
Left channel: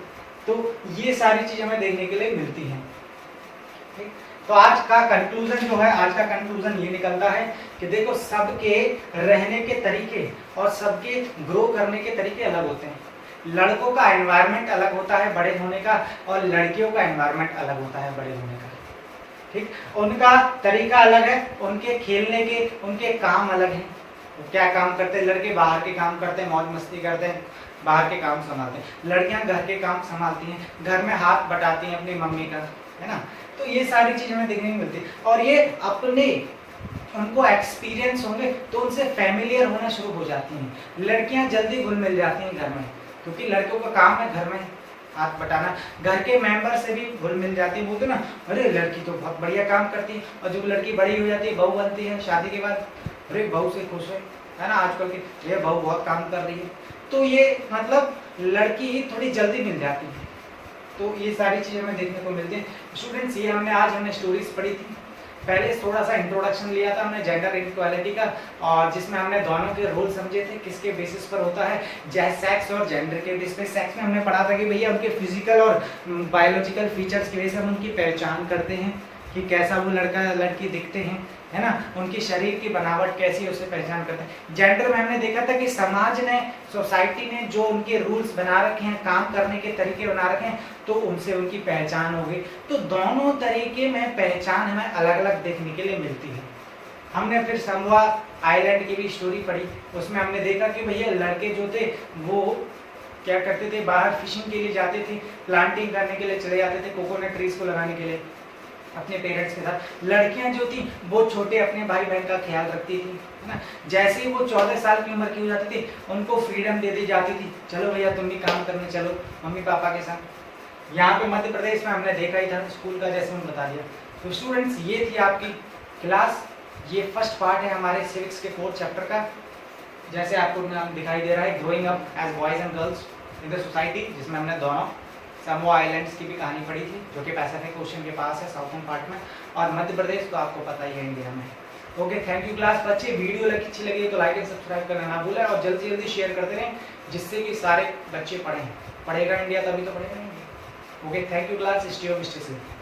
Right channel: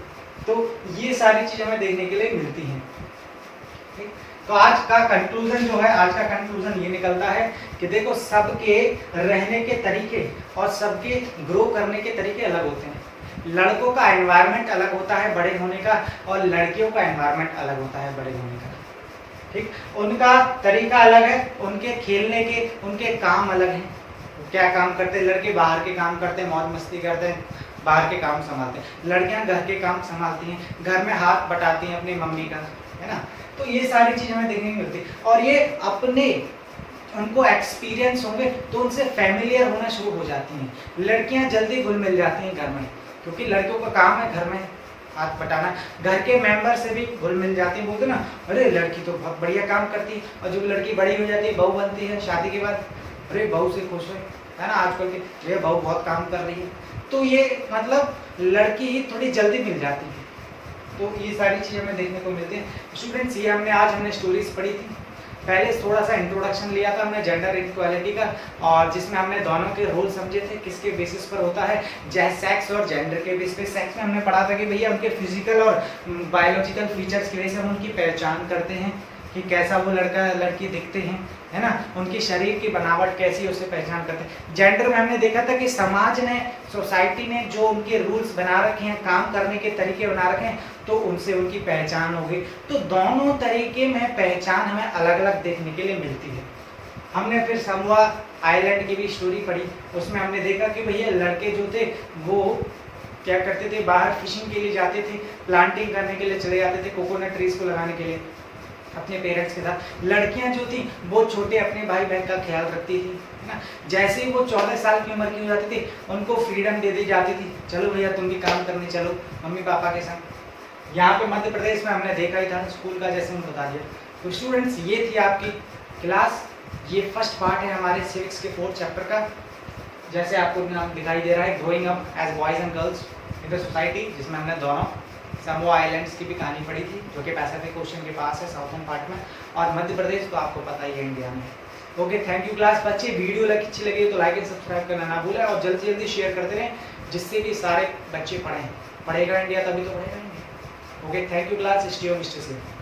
तो ये सारी चीज हमें देखने के लिए मिलती है। ठीक, तो आज का कंक्लूजन जो है, आज का कंक्लूजन ये निकलता है कि देखो सबके रहने के तरीके और सबके ग्रो करने के तरीके अलग होते हैं। लड़कों का एनवायरनमेंट अलग होता है बड़े होने का, और लड़कियों का एनवायरनमेंट अलग होता है बड़े होने का। ठीक, उनका तरीका अलग है, उनके खेलने के, उनके काम अलग हैं। क्या काम करते हैं लड़के, बाहर के काम करते हैं, मौज मस्ती करते हैं, बाहर के काम संभालते हैं, लड़कियां घर के काम संभालती हैं, घर में हाथ बटाती हैं अपनी मम्मी का, है ना। तो ये सारी चीज़ हमें देखने को मिलती है, और ये अपने उनको एक्सपीरियंस होंगे तो उनसे फैमिलियर होना शुरू हो जाती हैं। लड़कियां जल्दी घुल मिल जाती हैं घर में, क्योंकि लड़कियों का काम है घर में हाथ बटाना, घर के मेंबर से भी घुल मिल जाती है। बोलते ना, अरे लड़की तो बहुत बढ़िया काम करती है, और जब लड़की बड़ी हो जाती है, बहू बनती है शादी के बाद, अरे बहू से खुश है ना, आजकल की ये बहू बहुत काम कर रही है। तो ये मतलब लड़की ही थोड़ी जल्दी मिल जाती है। तो ये सारी चीज़ें हमें देखने को मिलती है। स्टूडेंट्स, ये हमने स्टोरीज पढ़ी थी। पहले थोड़ा सा इंट्रोडक्शन लिया था हमने जेंडर इक्वालिटी का, और जिसमें हमने दोनों के रोल समझे थे किसके बेसिस पर होता है, जैसे सेक्स और जेंडर के बेसिस पे। सेक्स में हमने पढ़ा था कि भैया उनके फिजिकल और बायोलॉजिकल फीचर्स की वजह से हम उनकी पहचान करते हैं कि कैसा वो लड़का लड़की दिखते हैं, है ना, उनकी शरीर की बनावट कैसी है उसे पहचान करते हैं। जेंडर में हमने देखा था कि समाज ने, सोसाइटी ने जो उनके रूल्स बना रखे हैं, काम करने के तरीके बना रखे हैं, तो उनसे उनकी पहचान होगी। तो दोनों तरीके में पहचान हमें अलग अलग देखने के लिए मिलती है। हमने फिर समोआ आइलैंड की भी स्टोरी पढ़ी, उसमें हमने देखा कि भैया लड़के जो थे वो क्या करते थे, बाहर फिशिंग के लिए जाते थे, प्लांटिंग करने के लिए चले जाते थे, कोकोनट ट्रीज को लगाने के लिए अपने पेरेंट्स के साथ। लड़कियां जो थी वो छोटे अपने भाई बहन का ख्याल रखती थी, है ना। जैसे ही वो 14 साल की उम्र की हो जाती थी, उनको फ्रीडम दे दी जाती थी, चलो भैया तुम भी काम करने चलो मम्मी पापा के साथ। यहाँ पे मध्य प्रदेश में हमने देखा ही था स्कूल का, जैसे मैंने बता दिया। तो स्टूडेंट्स, ये थी आपकी क्लास, ये फर्स्ट पार्ट है हमारे सिविक्स के 4th चैप्टर का। जैसे आपको नाम दिखाई दे रहा है, growing up as boys and girls in the society, जिसमें हमने दोनों समोआ आइलैंड्स की भी कहानी पढ़ी थी, जो कि पैसिफिक ओशन के पास है साउथर्न पार्ट में, और मध्य प्रदेश तो आपको पता ही है इंडिया में। ओके, थैंक यू क्लास बच्चे। वीडियो अच्छी लगी तो लाइक एंड सब्सक्राइब करना ना भूलें, और जल्दी जल्दी शेयर करते रहें, जिससे कि सारे बच्चे पढ़ें। पढ़ेगा इंडिया तभी तो पढ़ेगा India. Okay, thank you class. Stay home, stay safe.